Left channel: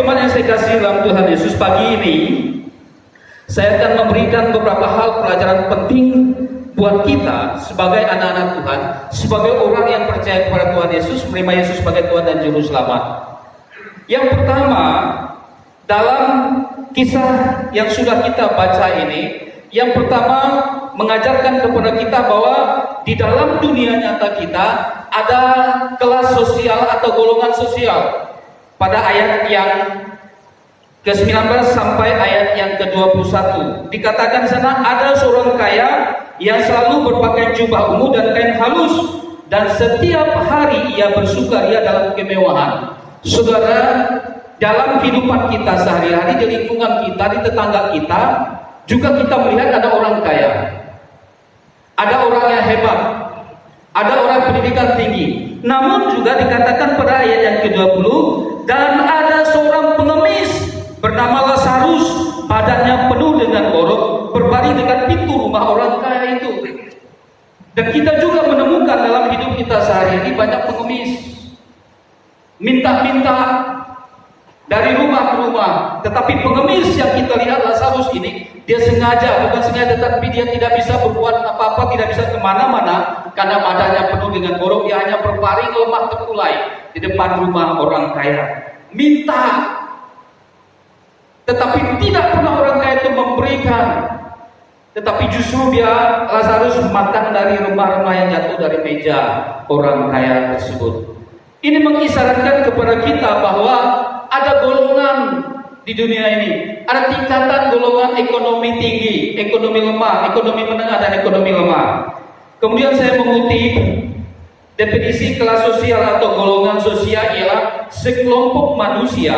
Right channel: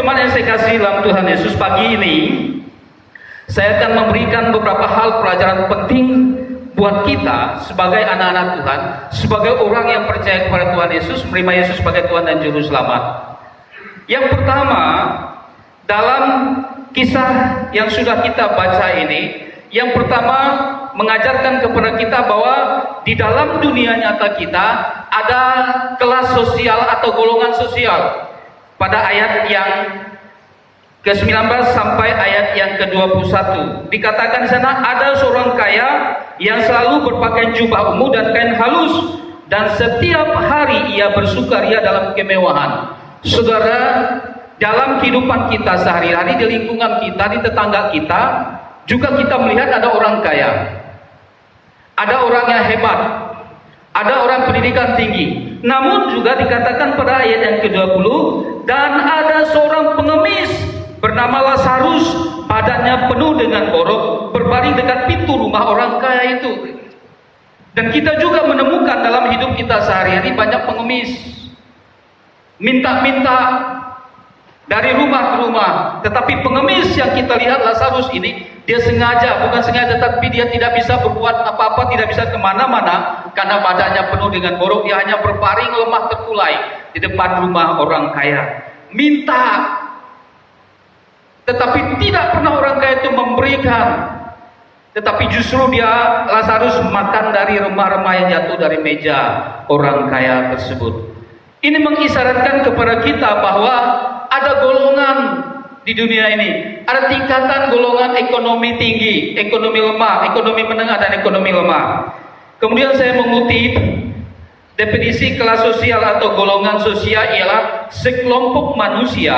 jemaat yang saya kasih dalam Tuhan Yesus, pagi ini saya akan memberikan beberapa hal pelajaran penting buat kita sebagai anak-anak Tuhan, sebagai orang yang percaya kepada Tuhan Yesus, menerima Yesus sebagai Tuhan dan Juru Selamat. Yang pertama, dalam kisah yang sudah kita baca ini, yang pertama mengajarkan kepada kita bahwa di dalam dunia nyata kita ada kelas sosial atau golongan sosial. Pada ayat yang ke-19 sampai ayat yang ke-21 dikatakan di sana, ada seorang kaya yang selalu berpakaian jubah ungu dan kain halus, dan setiap hari ia bersukaria dalam kemewahan. Saudara, dalam kehidupan kita sehari-hari, di lingkungan kita, di tetangga kita, juga kita melihat ada orang kaya, ada orang yang hebat, ada orang pendidikan tinggi. Namun juga dikatakan pada ayat yang ke-20, dan ada seorang pengemis bernama Lazarus, badannya penuh dengan borok, berbaring dekat pintu rumah orang kaya itu. Dan kita juga menemukan dalam hidup kita sehari-hari banyak pengemis, minta-minta dari rumah ke rumah. Tetapi pengemis yang kita lihat Lazarus ini, dia sengaja, bukan sengaja, tetapi dia tidak bisa berbuat apa-apa, tidak bisa kemana-mana karena badannya penuh dengan borok. Dia hanya berbaring lemah terkulai di depan rumah orang kaya, minta. Tetapi tidak pernah orang kaya itu memberikan. Tetapi justru dia, Lazarus, makan dari remah-remah yang jatuh dari meja orang kaya tersebut. Ini mengisyaratkan kepada kita bahwa ada golongan di dunia ini. Ada tingkatan golongan ekonomi tinggi, ekonomi lemah, ekonomi menengah, dan ekonomi lemah. Kemudian saya mengutip definisi kelas sosial atau golongan sosial ialah sekelompok manusia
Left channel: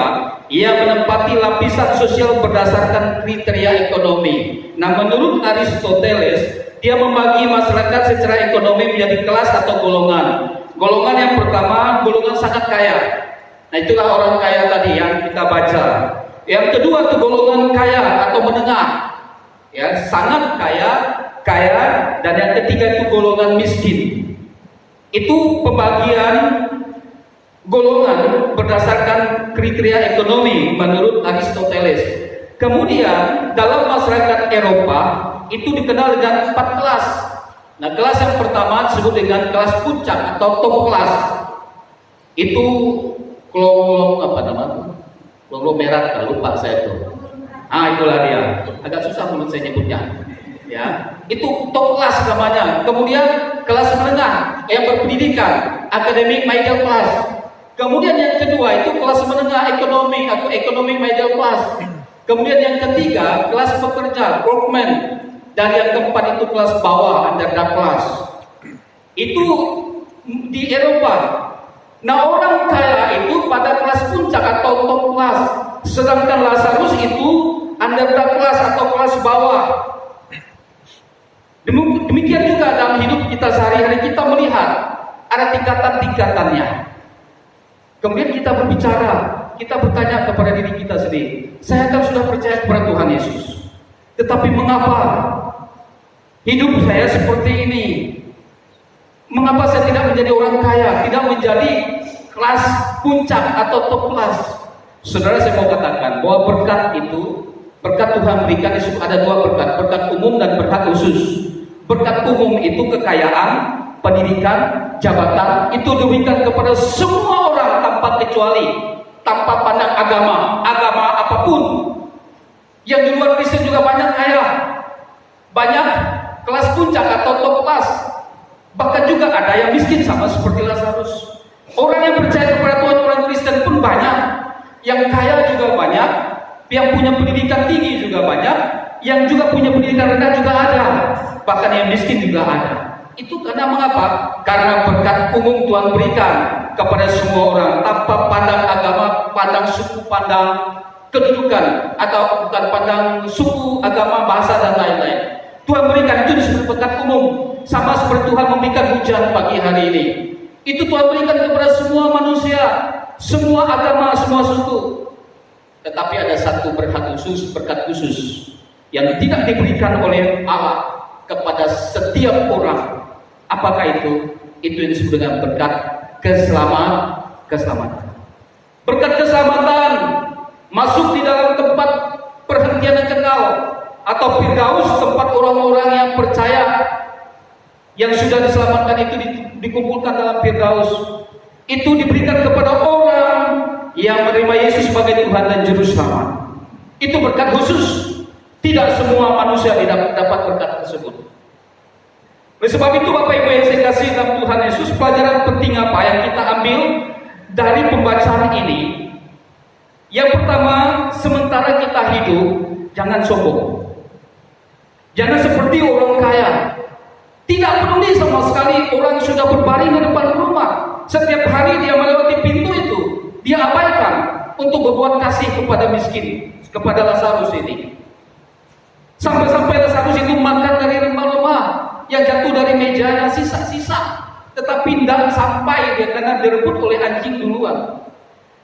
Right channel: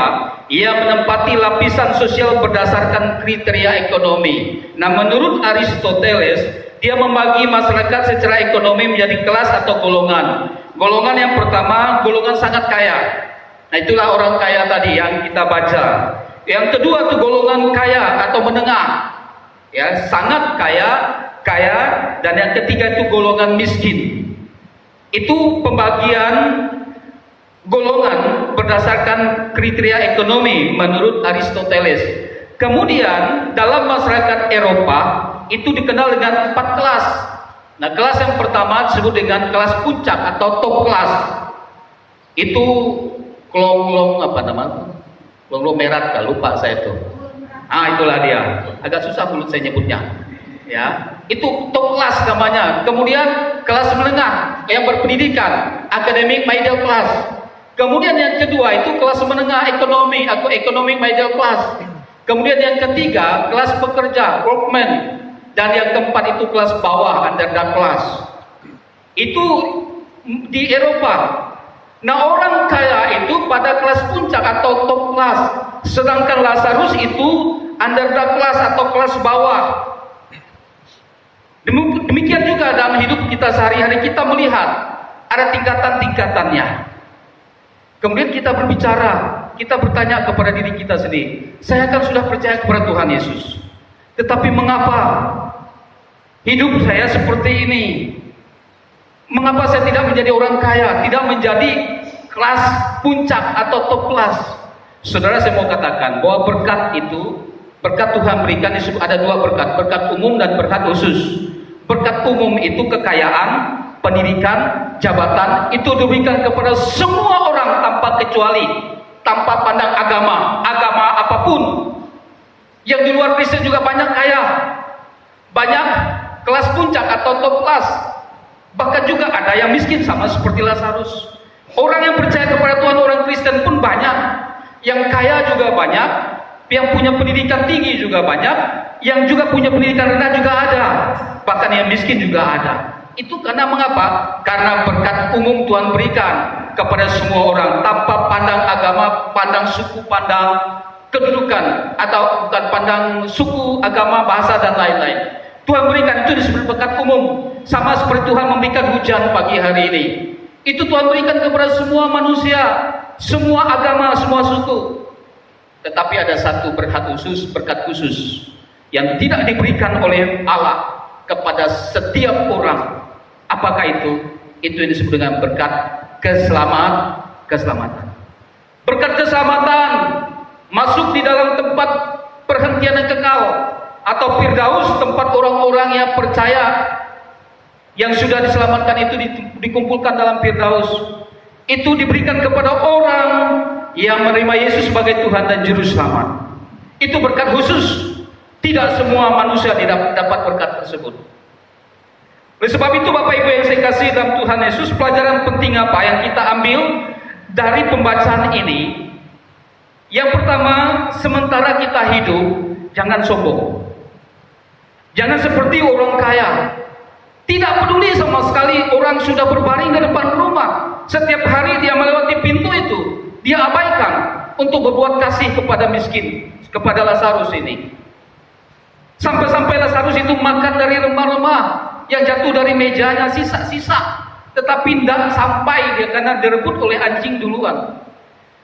yang menempati lapisan sosial berdasarkan kriteria ekonomi. Nah, menurut Aristoteles, dia membagi masyarakat secara ekonomi menjadi kelas atau golongan. Golongan yang pertama, golongan sangat kaya. Nah, itulah orang kaya tadi yang kita baca. Yang kedua itu golongan kaya atau menengah, ya, sangat kaya, kaya, dan yang ketiga itu golongan miskin. Itu pembagian golongan berdasarkan kriteria ekonomi menurut Aristoteles. Kemudian dalam masyarakat Eropa itu dikenal dengan 4 kelas. Nah, kelas yang pertama disebut dengan kelas puncak atau top kelas. Itu konglomerat, lupa saya itu. Itulah dia. Agak susah mulut saya nyebutnya. Ya, itu top kelas namanya. Kemudian kelas menengah yang berpendidikan, academic middle class. Kemudian yang kedua itu kelas menengah ekonomi atau economic middle class. Kemudian yang ketiga kelas pekerja, workman, dan yang keempat itu kelas bawah, underdog class. Itu di Eropa. Nah, orang kaya itu pada kelas puncak atau top kelas, sedangkan Lazarus itu underdog class atau kelas bawah. Demikian juga dalam hidup kita sehari-hari kita melihat ada tingkatan-tingkatannya. Kemudian kita berbicara, kita bertanya kepada diri kita sendiri, saya kan sudah percaya kepada Tuhan Yesus, tetapi mengapa hidup saya seperti ini? Mengapa saya tidak menjadi orang kaya, tidak menjadi kelas puncak atau top kelas? Saudara, saya mau katakan bahwa berkat itu, berkat Tuhan berikan itu ada 2 berkat, berkat umum dan berkat khusus. Berkat umum itu kekayaan, pendidikan, jabatan, itu diberikan kepada semua orang tanpa kecuali, tanpa pandang agama apapun. Yang di luar Kristen juga banyak kaya, banyak kelas puncak atau top kelas. Bahkan juga ada yang miskin sama seperti Lazarus. Orang yang percaya kepada Tuhan, orang Kristen pun banyak. Yang kaya juga banyak, yang punya pendidikan tinggi juga banyak, yang juga punya pendidikan rendah juga ada. Bahkan yang miskin juga ada. Itu karena mengapa? Karena berkat umum Tuhan berikan kepada semua orang tanpa pandang agama, pandang suku, pandang kedudukan, atau bukan pandang suku, agama, bahasa, dan lain-lain. Tuhan berikan itu disebut berkat umum. Sama seperti Tuhan memberikan hujan pagi hari ini. Itu Tuhan berikan kepada semua manusia, semua agama, semua suku. Tetapi ada satu berkat khusus yang tidak diberikan oleh Allah kepada setiap orang. Apakah itu? Itu disebut dengan berkat keselamatan. Berkat keselamatan masuk di dalam tempat perhentian yang kekal, atau Firdaus, tempat orang-orang yang percaya, yang sudah diselamatkan itu dikumpulkan dalam Firdaus. Itu diberikan kepada orang yang menerima Yesus sebagai Tuhan dan Juru Selamat. Itu berkat khusus. Tidak semua manusia dapat berkat tersebut. Oleh sebab itu Bapak Ibu yang saya kasih dalam Tuhan Yesus, pelajaran penting apa yang kita ambil dari pembacaan ini? Yang pertama, sementara kita hidup, jangan sombong. Jangan seperti orang kaya. Tidak peduli sama sekali orang sudah berbaring di depan rumah. Setiap hari dia melewati pintu itu, dia abaikan untuk berbuat kasih kepada miskin, kepada Lazarus ini. Sampai-sampai Lazarus itu makan dari remah-remah yang jatuh dari mejanya, sisa-sisa. Tetapi tidak sampai dia karena direbut oleh anjing duluan.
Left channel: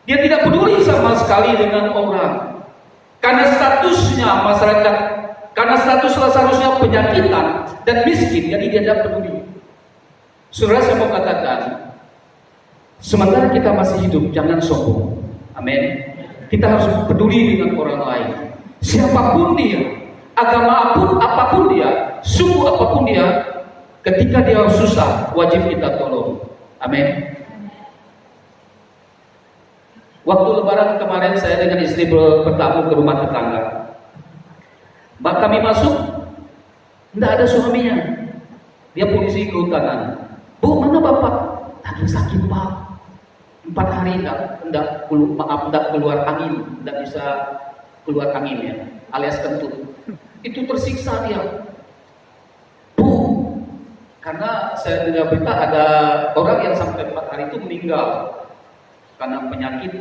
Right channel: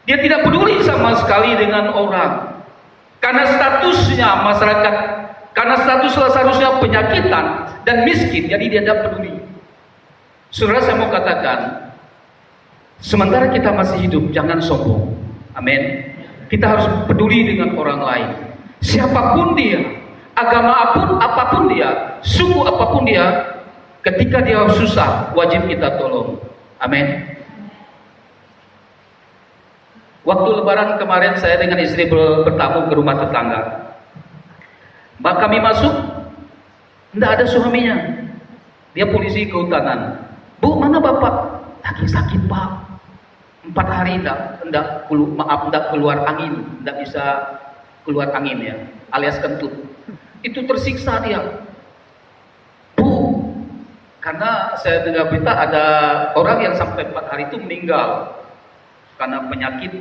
Dia tidak peduli sama sekali dengan orang. Karena statusnya masyarakat, karena status Lazarusnya penyakitan dan miskin, jadi dia tidak peduli. Saudara, saya mau katakan, sementara kita masih hidup, jangan sombong. Amin. Kita harus peduli dengan orang lain. Siapapun dia, agama apapun dia, suku apapun dia, ketika dia susah, wajib kita tolong. Amin. Waktu lebaran kemarin saya dengan istri bertamu ke rumah tetangga. Mbak kami masuk, tidak ada suaminya. Dia polisi kehutanan. Bu, mana bapak? Lagi sakit pak. 4 hari tidak keluar angin, tidak bisa keluar angin ya, alias kentut. Itu tersiksa dia. Bu, karena saya dengar berita ada orang yang sampai 4 hari itu meninggal karena penyakit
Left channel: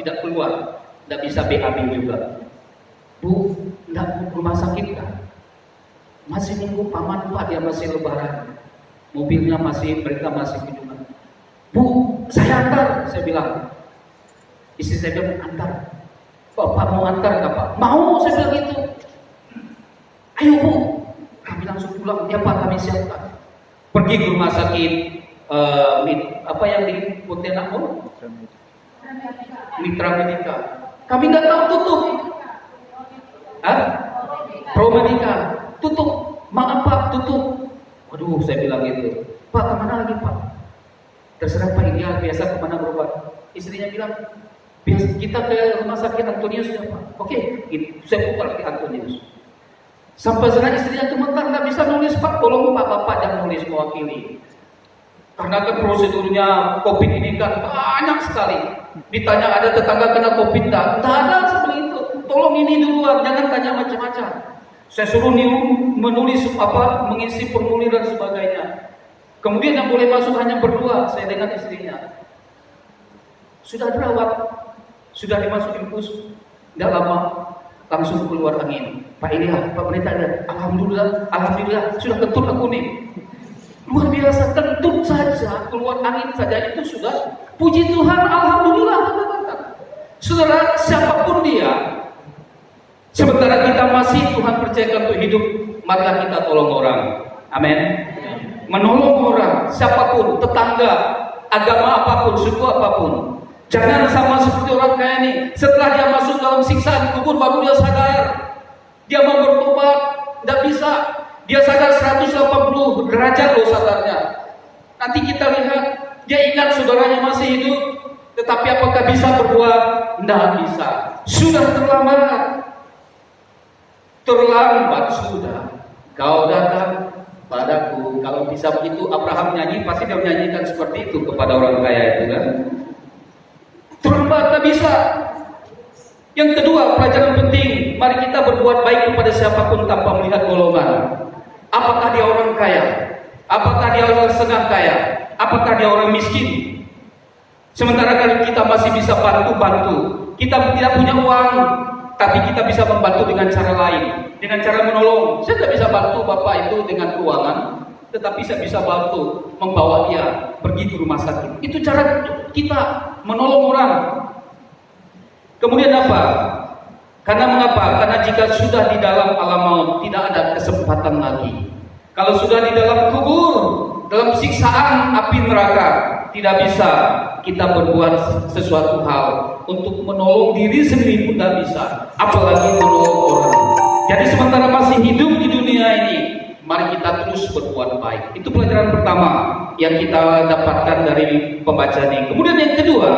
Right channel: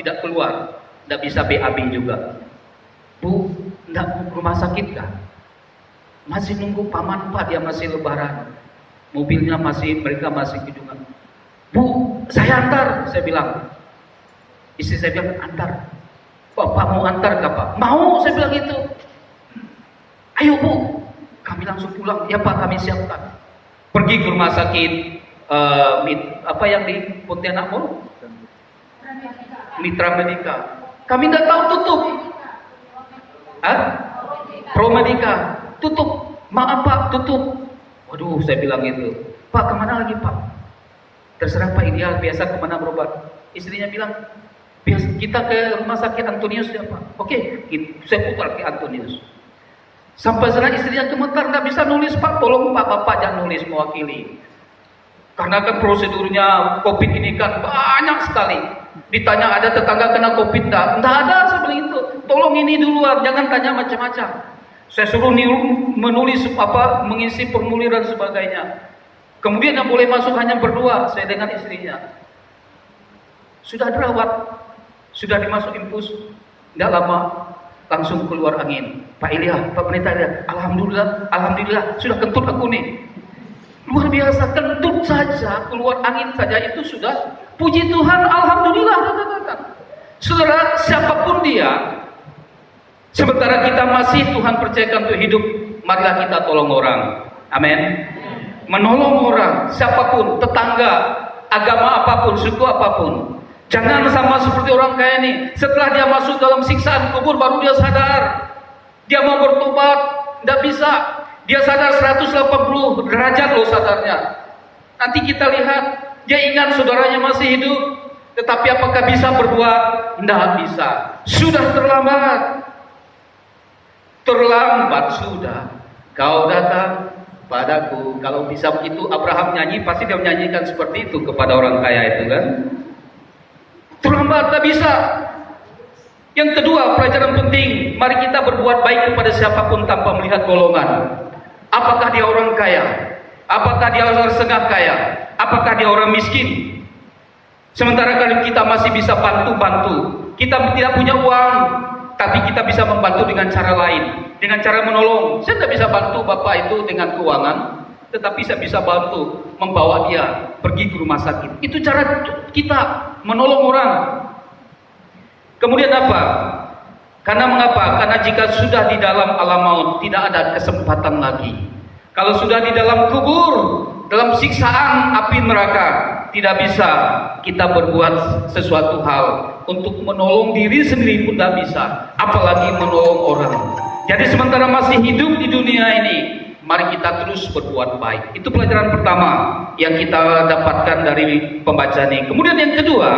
tidak keluar, tidak bisa BAB juga. Bu, tidak rumah sakit kan? Masih nunggu paman pak, dia masih lebaran, mobilnya mereka masih kunjungan. Bu, saya antar, saya bilang. Istri saya bilang antar. Bapak mau antar nggak pak? Mau, saya bilang gitu. Ayo bu, kami langsung pulang. Ya pak, kami siapkan. Pergi ke rumah sakit, apa yang di Pontianak? Mitra Medika. Kami tidak tahu tutup. Promedika tutup. Maaf pak, tutup. Waduh, saya bilang gitu. Pak, kemana lagi pak? Terserah pak, dia biasa kemana berobat. Istrinya bilang, kita ke rumah sakit Antonius ya pak. Oke, saya putar ke Antonius. Sampai sana istrinya gemetar, nggak bisa nulis pak. Tolong pak, bapak jangan nulis mewakili. Karena kan prosedurnya COVID ini kan banyak sekali. Ditanya ada tetangga kena COVID nggak? Nggak ada seperti itu. Tolong ini duluan, jangan tanya macam-macam. Saya suruh menulis mengisi formulir dan sebagainya. Kemudian yang boleh masuk hanya berdua, saya dengan istrinya. Sudah dirawat, sudah dimasuk infus, tidak lama langsung keluar angin. Pak Ilya, Pak Pendeta, alhamdulillah, sudah kentut aku nih. Luar biasa, kentut saja, keluar angin saja itu sudah, puji Tuhan, alhamdulillah. Saudara, siapapun dia, sementara kita masih Tuhan percayakan untuk hidup, marilah kita tolong orang. Amin. Menolong orang, siapapun, tetangga, agama apapun, suku apapun. Jangan sama seperti orang kaya ini. Setelah dia masuk dalam siksaan kubur, baru dia sadar. Dia mau bertobat, tidak bisa. Dia sadar 180 derajat loh sadarnya. Nanti kita lihat, dia ingat saudaranya masih hidup. Tetapi apakah bisa berbuat? Tidak bisa. Sudah terlambat. Terlambat sudah. Kau datang padaku. Kalau bisa begitu Abraham nyanyi, pasti dia menyanyikan seperti itu kepada orang kaya itu kan. Terlambat, tak bisa. Yang kedua, pelajaran penting, mari kita berbuat baik kepada siapapun tanpa melihat golongan. Apakah dia orang kaya? Apakah dia orang setengah kaya? Apakah dia orang miskin? Sementara kalau kita masih bisa bantu-bantu, kita tidak punya uang, tapi kita bisa membantu dengan cara lain, dengan cara menolong. Saya tidak bisa bantu bapak itu dengan keuangan, tetapi saya bisa bantu membawa dia pergi ke rumah sakit. Itu cara kita menolong orang. Kemudian apa? Karena mengapa? Karena jika sudah di dalam alam maut, tidak ada kesempatan lagi. Kalau sudah di dalam kubur, dalam siksaan api neraka, tidak bisa kita berbuat sesuatu hal untuk menolong diri sendiri pun tidak bisa, apalagi menolong orang. Jadi sementara masih hidup di dunia ini, mari kita terus berbuat baik. Itu pelajaran pertama yang kita dapatkan dari pembacaan ini. Kemudian yang kedua,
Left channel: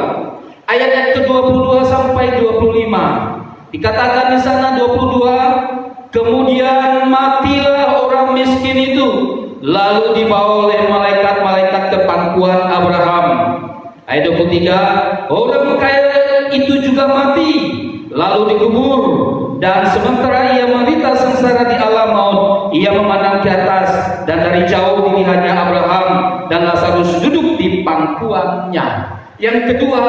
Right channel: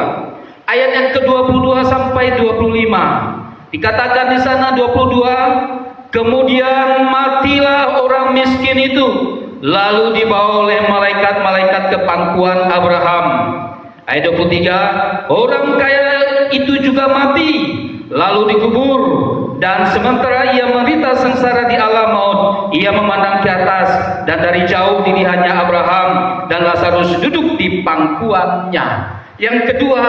ayat yang ke-22 sampai 25. Dikatakan di sana 22, kemudian matilah orang miskin itu, lalu dibawa oleh malaikat-malaikat ke pangkuan Abraham. Ayat 23, orang kaya itu juga mati, lalu dikubur, dan sementara ia menderita sengsara di alam maut, ia memandang ke atas, dan dari jauh dilihatnya Abraham dan Lazarus duduk di pangkuannya. Yang kedua,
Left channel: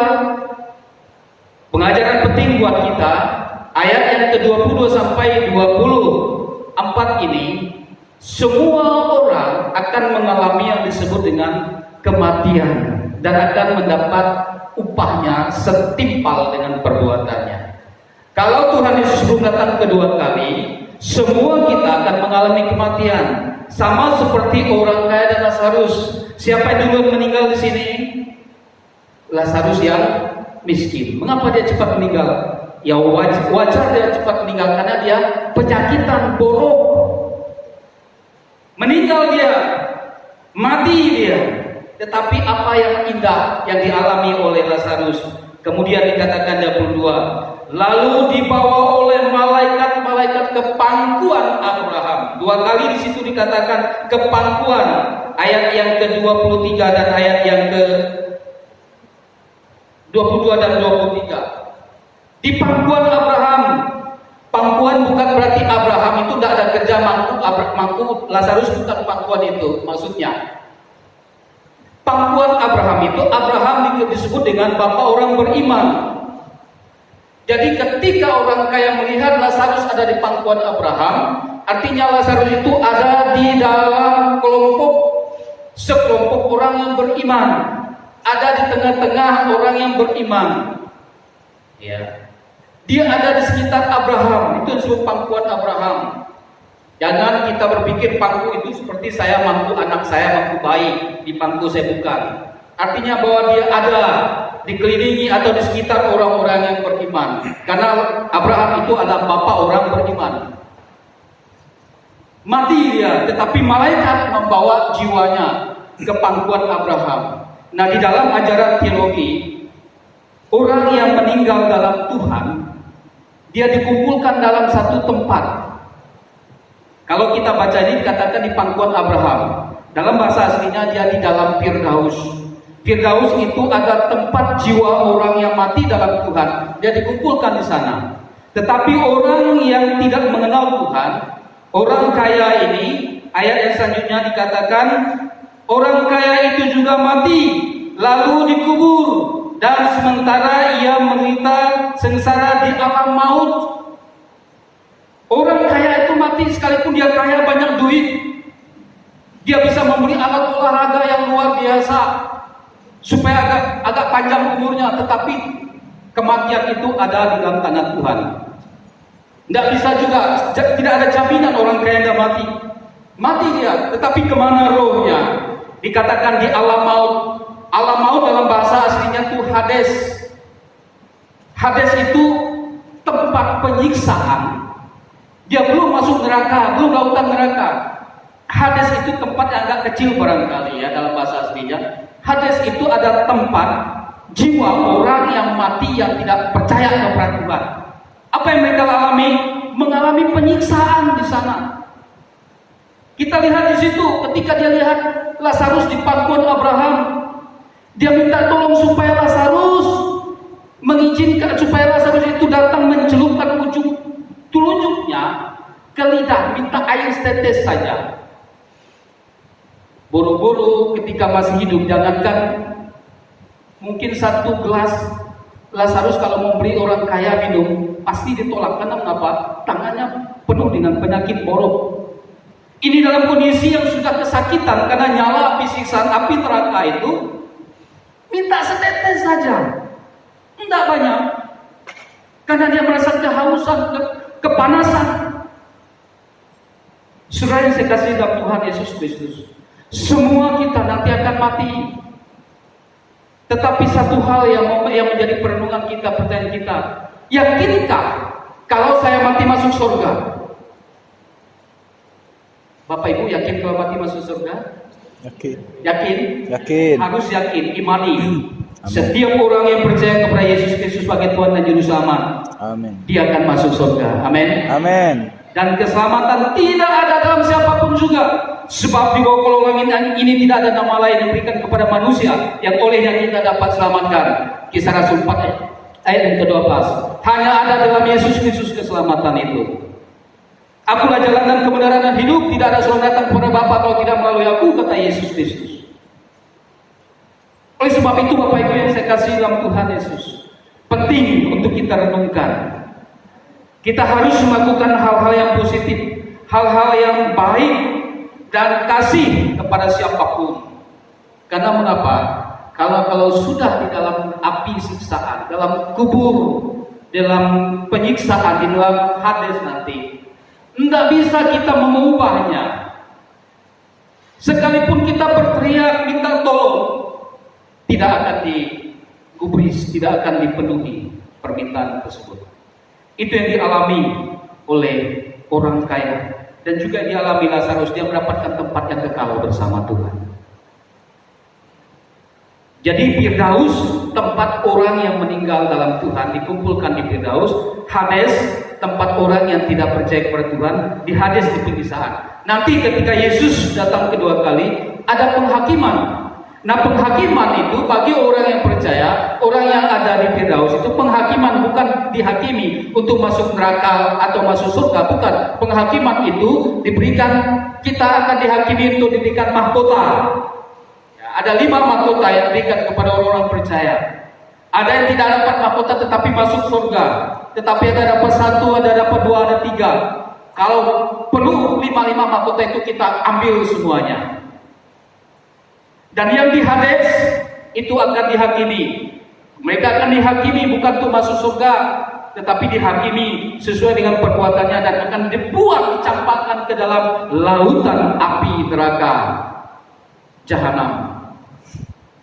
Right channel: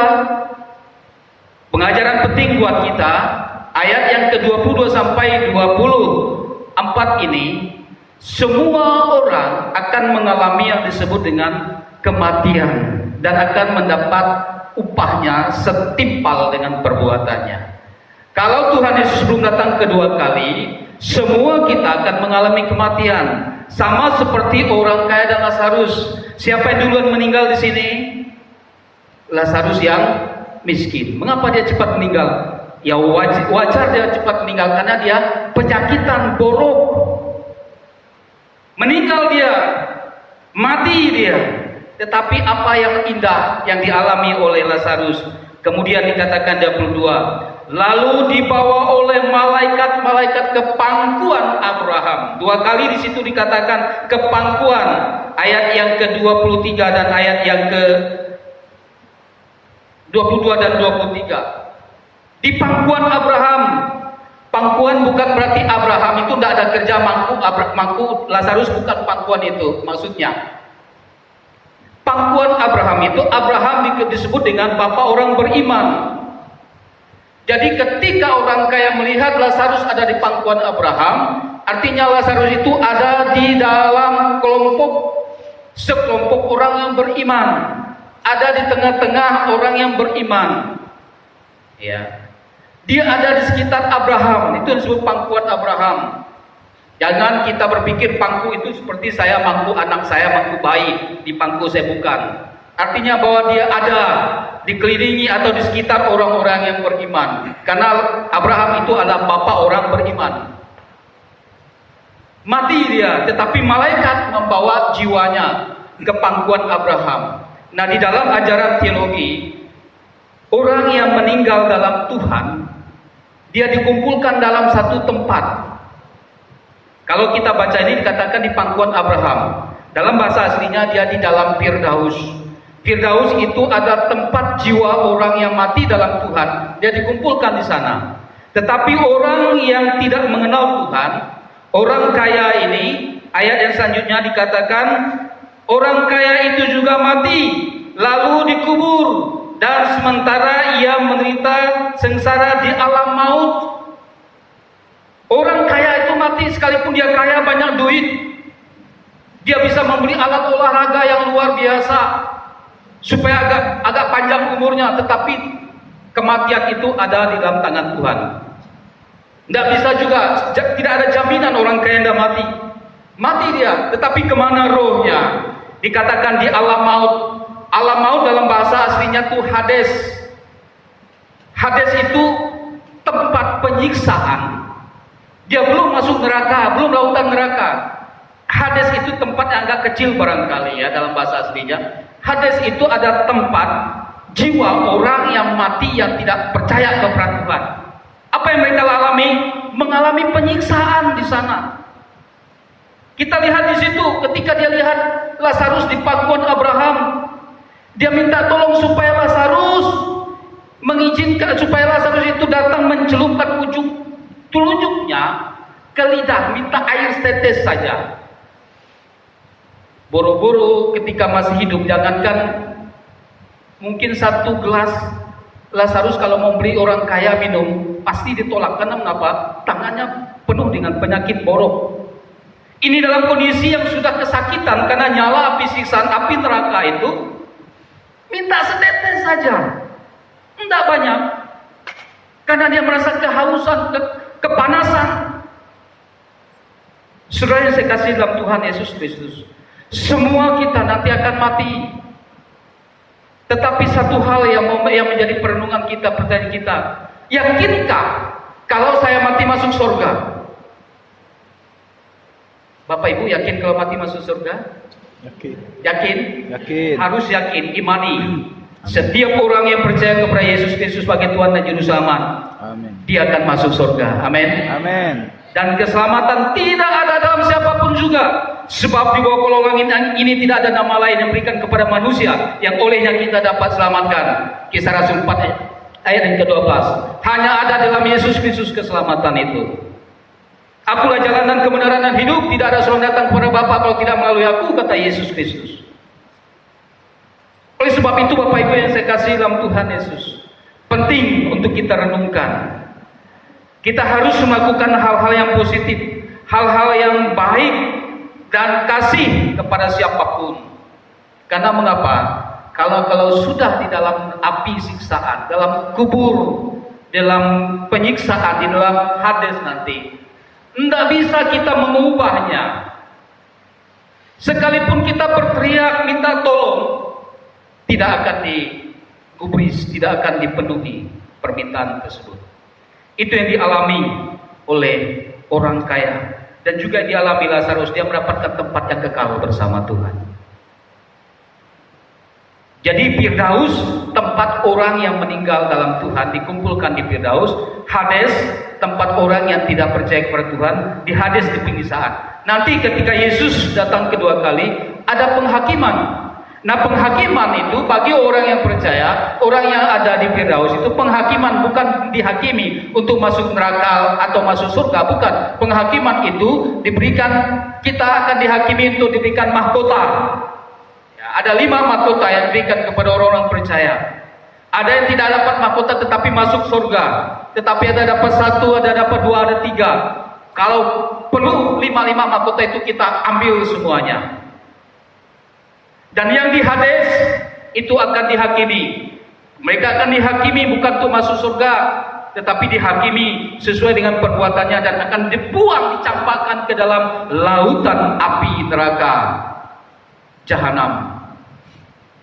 pengajaran penting buat kita, ayat yang ke-22 sampai 24 ini, semua orang akan mengalami yang disebut dengan kematian dan akan mendapat upahnya setimpal dengan perbuatannya. Kalau Tuhan Yesus belum datang kedua kali, semua kita akan mengalami kematian, sama seperti orang kaya dan Lazarus. Siapa yang duluan meninggal di sini? Lazarus yang miskin. Mengapa dia cepat meninggal? Ya wajar dia cepat meninggal karena dia penyakitan, borok. Meninggal dia, mati dia. Tetapi apa yang indah yang dialami oleh Lazarus? Kemudian dikatakan 22, lalu dibawa oleh malaikat-malaikat ke pangkuan Abraham. Dua kali di situ dikatakan ke pangkuan. Ayat yang ke-23 dan ayat yang ke-22 dan 23. Di pangkuan Abraham. Pangkuan bukan berarti Abraham itu tidak ada kerja mangku Lazarus, bukan pangkuan itu maksudnya. Pangkuan Abraham itu, Abraham disebut dengan bapak orang beriman. Jadi ketika orang kaya melihat Lazarus ada di pangkuan Abraham, artinya Lazarus itu ada di dalam sekelompok orang yang beriman, ada di tengah-tengah orang yang beriman. Ya. Dia ada di sekitar Abraham, itu disebut pangkuan Abraham. Jangan kita berpikir pangku itu seperti saya mangku anak saya, mangku bayi, di pangku saya bukan. Artinya bahwa dia ada dikelilingi atau di sekitar orang-orang yang beriman. Karena Abraham itu adalah bapak orang beriman. Mati dia, tetapi malaikat membawa jiwanya ke pangkuan Abraham. Nah, di dalam ajaran teologi, orang yang meninggal dalam Tuhan, dia dikumpulkan dalam satu tempat. Kalau kita baca ini dikatakan di pangkuan Abraham. Dalam bahasa aslinya dia di dalam Firdaus. Firdaus itu ada tempat jiwa orang yang mati dalam Tuhan. Dia dikumpulkan di sana. Tetapi orang yang tidak mengenal Tuhan, orang kaya ini, ayat yang selanjutnya dikatakan, orang kaya itu juga mati, lalu dikubur, dan sementara ia menderita sengsara di alam maut. Orang kaya itu mati sekalipun dia kaya banyak duit. Dia bisa membeli alat olahraga yang luar biasa supaya agak panjang umurnya, tetapi kematian itu ada di dalam tangan Tuhan. Tidak bisa juga, tidak ada jaminan orang kaya tidak mati. Mati dia, tetapi kemana rohnya? Dikatakan di alam maut. Alam maut dalam bahasa aslinya itu Hades. Hades itu tempat penyiksaan. Dia belum masuk neraka, belum lautan neraka. Hades itu tempat yang agak kecil barangkali ya dalam bahasa aslinya. Hades itu ada tempat jiwa orang yang mati yang tidak percaya kepada Tuhan. Apa yang mereka alami? Mengalami penyiksaan di sana. Kita lihat di situ ketika dia lihat Lazarus di pangkuan Abraham, dia minta tolong supaya Lazarus mengizinkan supaya Lazarus itu datang mencelupkan ujung telunjuknya ke lidah, minta air setetes saja. Buru-buru ketika masih hidup, jangankan mungkin satu gelas Lazarus kalau mau beli orang kaya minum pasti ditolak. Karena mengapa? Tangannya penuh dengan penyakit borok. Ini dalam kondisi yang sudah kesakitan karena nyala api siksaan api neraka itu, minta setetes saja, tidak banyak, karena dia merasa kehausan, kepanasan. Saudara yang saya kasih dalam Tuhan Yesus Kristus, semua kita nanti akan mati. Tetapi satu hal yang menjadi perenungan kita, pertanyaan kita, yakinkah kalau saya mati masuk surga? Bapak Ibu yakin kalau mati masuk surga? Yakin. Yakin? Yakin. Harus yakin, imani. Amin. Setiap orang yang percaya kepada Yesus Kristus sebagai Tuhan dan Juru Selamat, Amin. dia akan masuk surga. Amin. Amin. Dan keselamatan tidak ada dalam siapapun juga. Sebab di bawah golongan ini tidak ada nama lain yang diberikan kepada manusia yang olehnya kita dapat selamatkan. Kisah Rasul 4 ayat yang ke-12. Hanya ada dalam Yesus Kristus keselamatan itu. Akulah jalan dan kebenaran dan hidup. Tidak ada seorang datang kepada Bapa kalau tidak melalui aku, kata Yesus Kristus. Oleh sebab itu Bapak Ibu yang saya kasih dalam Tuhan Yesus, penting untuk kita renungkan. Kita harus melakukan hal-hal yang positif, hal-hal yang baik, dan kasih kepada siapapun. Karena mengapa? Kalau sudah di dalam api siksaan, dalam kubur, dalam penyiksaan, di dalam Hades nanti, tidak bisa kita mengubahnya. Sekalipun kita berteriak minta tolong, tidak akan digubris, tidak akan dipenuhi permintaan tersebut. Itu yang dialami oleh orang kaya, dan juga dialami Lazarus. Dia mendapatkan tempat yang kekal bersama Tuhan. Jadi Firdaus, tempat orang yang meninggal dalam Tuhan, dikumpulkan di Firdaus. Hades, tempat orang yang tidak percaya kepada Tuhan, di Hades, di penyiksaan. Nanti ketika Yesus datang kedua kali, ada penghakiman. Nah, penghakiman itu bagi orang yang percaya, orang yang ada di Firdaus itu penghakiman, bukan dihakimi untuk masuk neraka atau masuk surga, bukan. Penghakiman itu diberikan, kita akan dihakimi untuk diberikan mahkota. Ya, ada 5 mahkota yang diberikan kepada orang-orang percaya. Ada yang tidak dapat mahkota tetapi masuk surga, tetapi ada dapat 1, ada dapat 2, ada 3. Kalau perlu 5 mahkota itu kita ambil semuanya. Dan yang di Hades itu akan dihakimi. Mereka akan dihakimi bukan untuk masuk surga, tetapi dihakimi sesuai dengan perbuatannya dan akan dibuang, dicampakkan ke dalam lautan api neraka jahanam.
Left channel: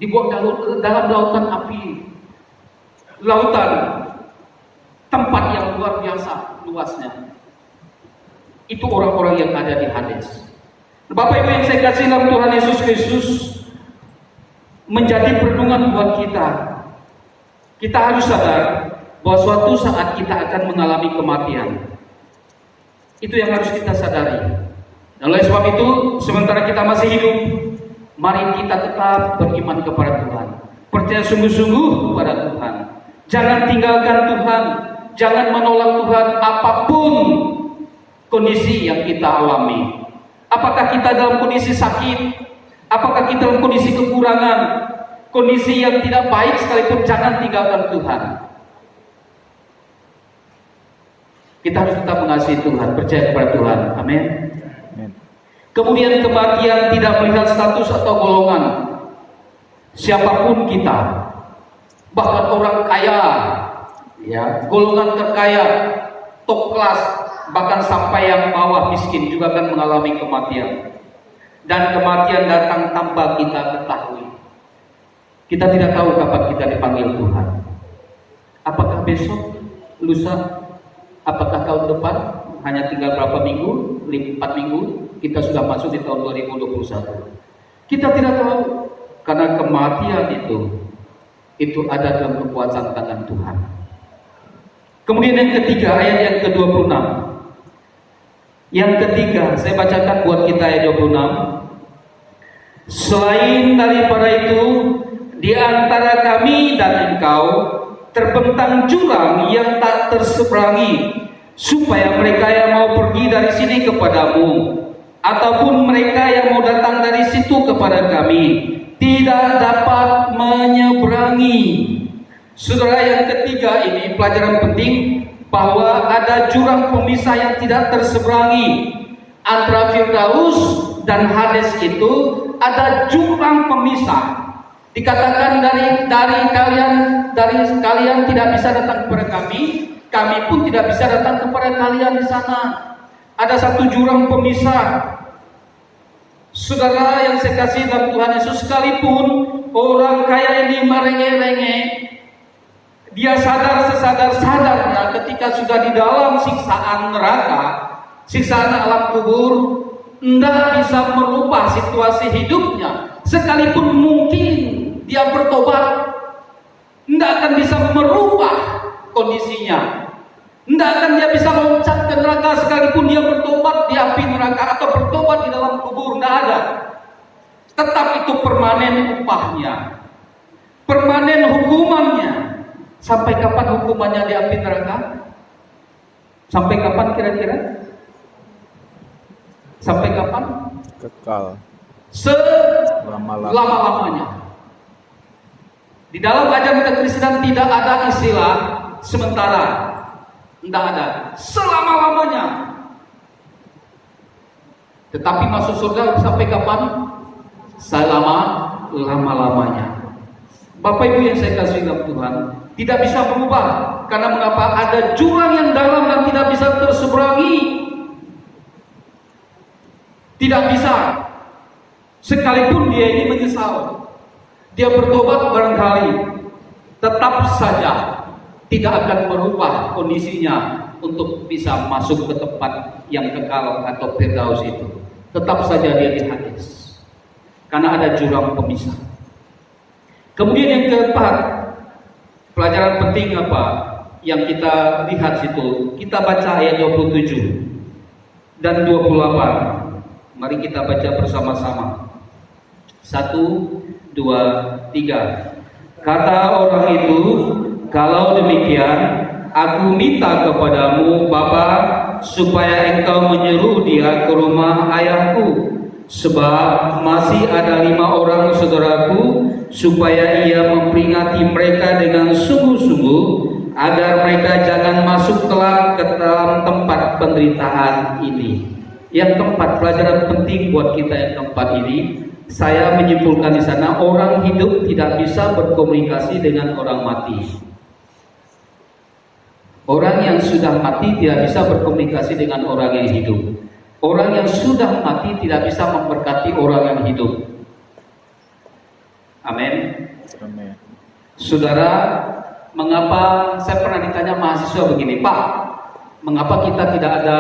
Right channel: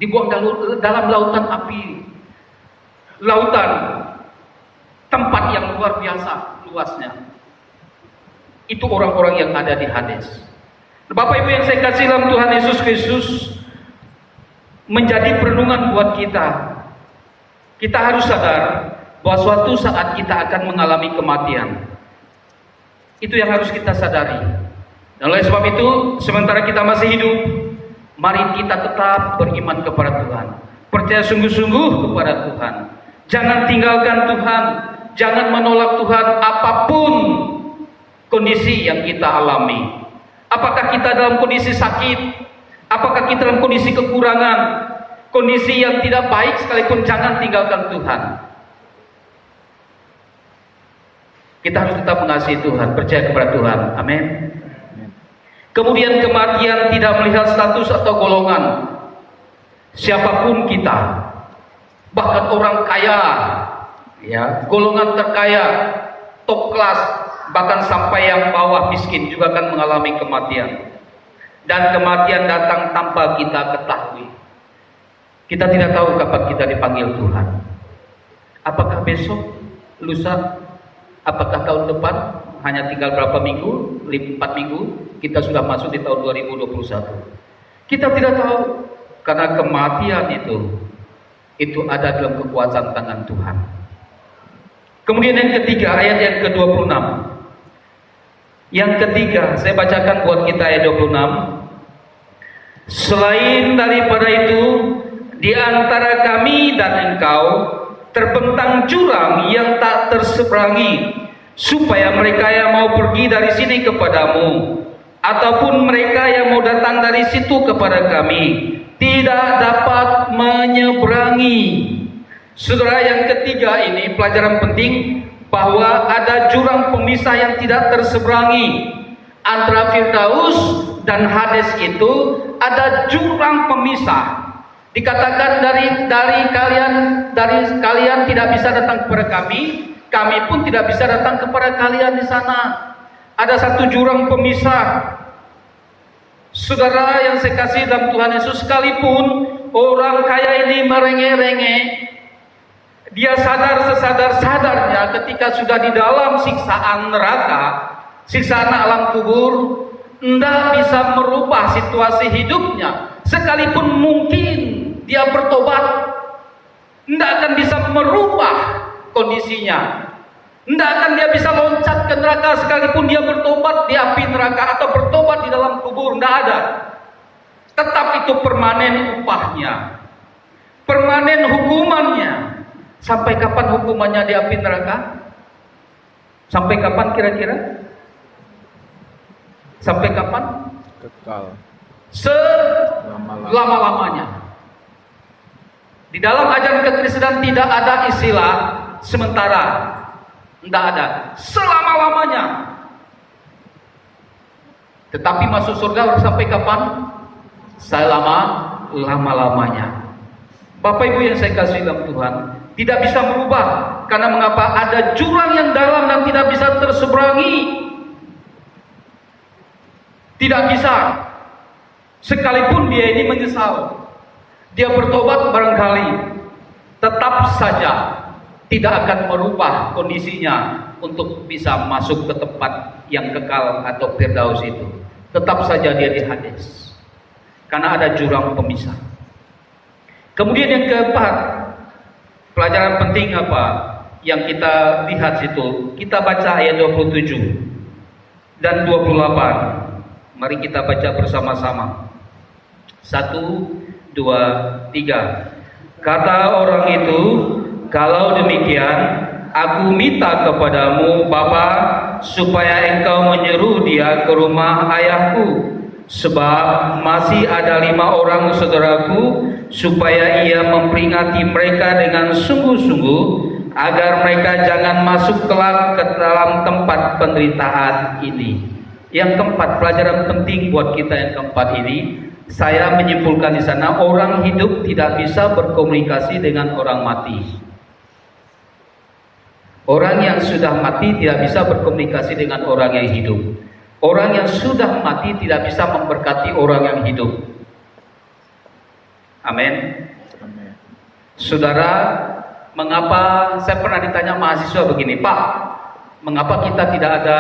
Dibuang dalam lautan api, lautan tempat yang luar biasa luasnya. Itu orang-orang yang ada di Hades. Bapak Ibu yang saya kasih dalam Tuhan Yesus Kristus, menjadi perenungan buat kita. Kita harus sadar bahwa suatu saat kita akan mengalami kematian. Itu yang harus kita sadari. Dan oleh sebab itu, sementara kita masih hidup, mari kita tetap beriman kepada Tuhan. Percaya sungguh-sungguh kepada Tuhan. Jangan tinggalkan Tuhan. Jangan menolak Tuhan apapun kondisi yang kita alami. Apakah kita dalam kondisi sakit? Apakah kita dalam kondisi kekurangan, kondisi yang tidak baik sekalipun, jangan tinggalkan Tuhan. Kita harus tetap mengasihi Tuhan, percaya kepada Tuhan. Amin. Kemudian kematian tidak melihat status atau golongan. Siapapun kita, bahkan orang kaya, ya, golongan terkaya, top kelas, bahkan sampai yang bawah miskin juga akan mengalami kematian. Dan kematian datang tanpa kita ketahui. Kita tidak tahu kapan kita dipanggil Tuhan. Apakah besok, lusa, apakah tahun depan, hanya tinggal berapa minggu, 4 minggu, kita sudah masuk di tahun 2021. Kita tidak tahu, karena kematian itu ada dalam kekuasaan tangan Tuhan. Kemudian yang ketiga, ayat yang ke-26. Yang ketiga, saya bacakan buat kita ayat 26. Selain daripada itu, di antara kami dan engkau terbentang jurang yang tak terseberangi, supaya mereka yang mau pergi dari sini kepadamu, ataupun mereka yang mau datang dari situ kepada kami, tidak dapat menyeberangi. Saudara, yang ketiga ini pelajaran penting, bahwa ada jurang pemisah yang tidak terseberangi. Antara Firdaus dan Hades itu ada jurang pemisah. Dikatakan dari kalian tidak bisa datang kepada kami pun tidak bisa datang kepada kalian di sana. Ada satu jurang pemisah. Saudara yang saya kasih dalam Tuhan Yesus, sekalipun orang kaya ini merengek-rengek, dia sadar-sadarnya ketika sudah di dalam siksaan neraka, siksaan alam kubur, tidak bisa merubah situasi hidupnya. Sekalipun mungkin dia bertobat, tidak akan bisa merubah kondisinya. Tidak akan dia bisa loncat ke neraka sekalipun dia bertobat di api neraka atau bertobat di dalam kubur, tidak ada. Tetap itu permanen upahnya, permanen hukumannya. Sampai kapan hukumannya di api neraka? Sampai kapan kira-kira? Sampai kapan? Kekal. Selama-lamanya. Di dalam ajaran kekristenan tidak ada istilah sementara. Tidak ada. Selama-lamanya. Tetapi masuk surga harus sampai kapan? Selama-lamanya. Bapak Ibu yang saya kasih dalam Tuhan, tidak bisa berubah. Karena mengapa? Ada jurang yang dalam dan tidak bisa terseberangi. Tidak bisa. Sekalipun dia ini menyesal, dia bertobat barangkali, tetap saja tidak akan merubah kondisinya untuk bisa masuk ke tempat yang kekal atau firdaus itu. Tetap saja dia di Hades. Karena ada jurang pemisah. Kemudian yang keempat, pelajaran penting apa yang kita lihat situ? Kita baca ayat 27 dan 28. Mari kita baca bersama-sama. 1, 2, 3. Kata orang itu, kalau demikian, aku minta kepadamu, Bapa, supaya engkau menyuruh dia ke rumah ayahku, sebab masih ada 5 orang saudaraku, supaya ia memperingati mereka dengan sungguh-sungguh, agar mereka jangan masuk kelak ke dalam tempat penderitaan ini. Yang keempat, pelajaran penting buat kita yang keempat ini, saya menyimpulkan di sana, orang hidup tidak bisa berkomunikasi dengan orang mati. Orang yang sudah mati tidak bisa berkomunikasi dengan orang yang hidup. Orang yang sudah mati tidak bisa memberkati orang yang hidup. Amin. Amin. Saudara, mengapa saya pernah ditanya mahasiswa begini, Pak, mengapa kita tidak ada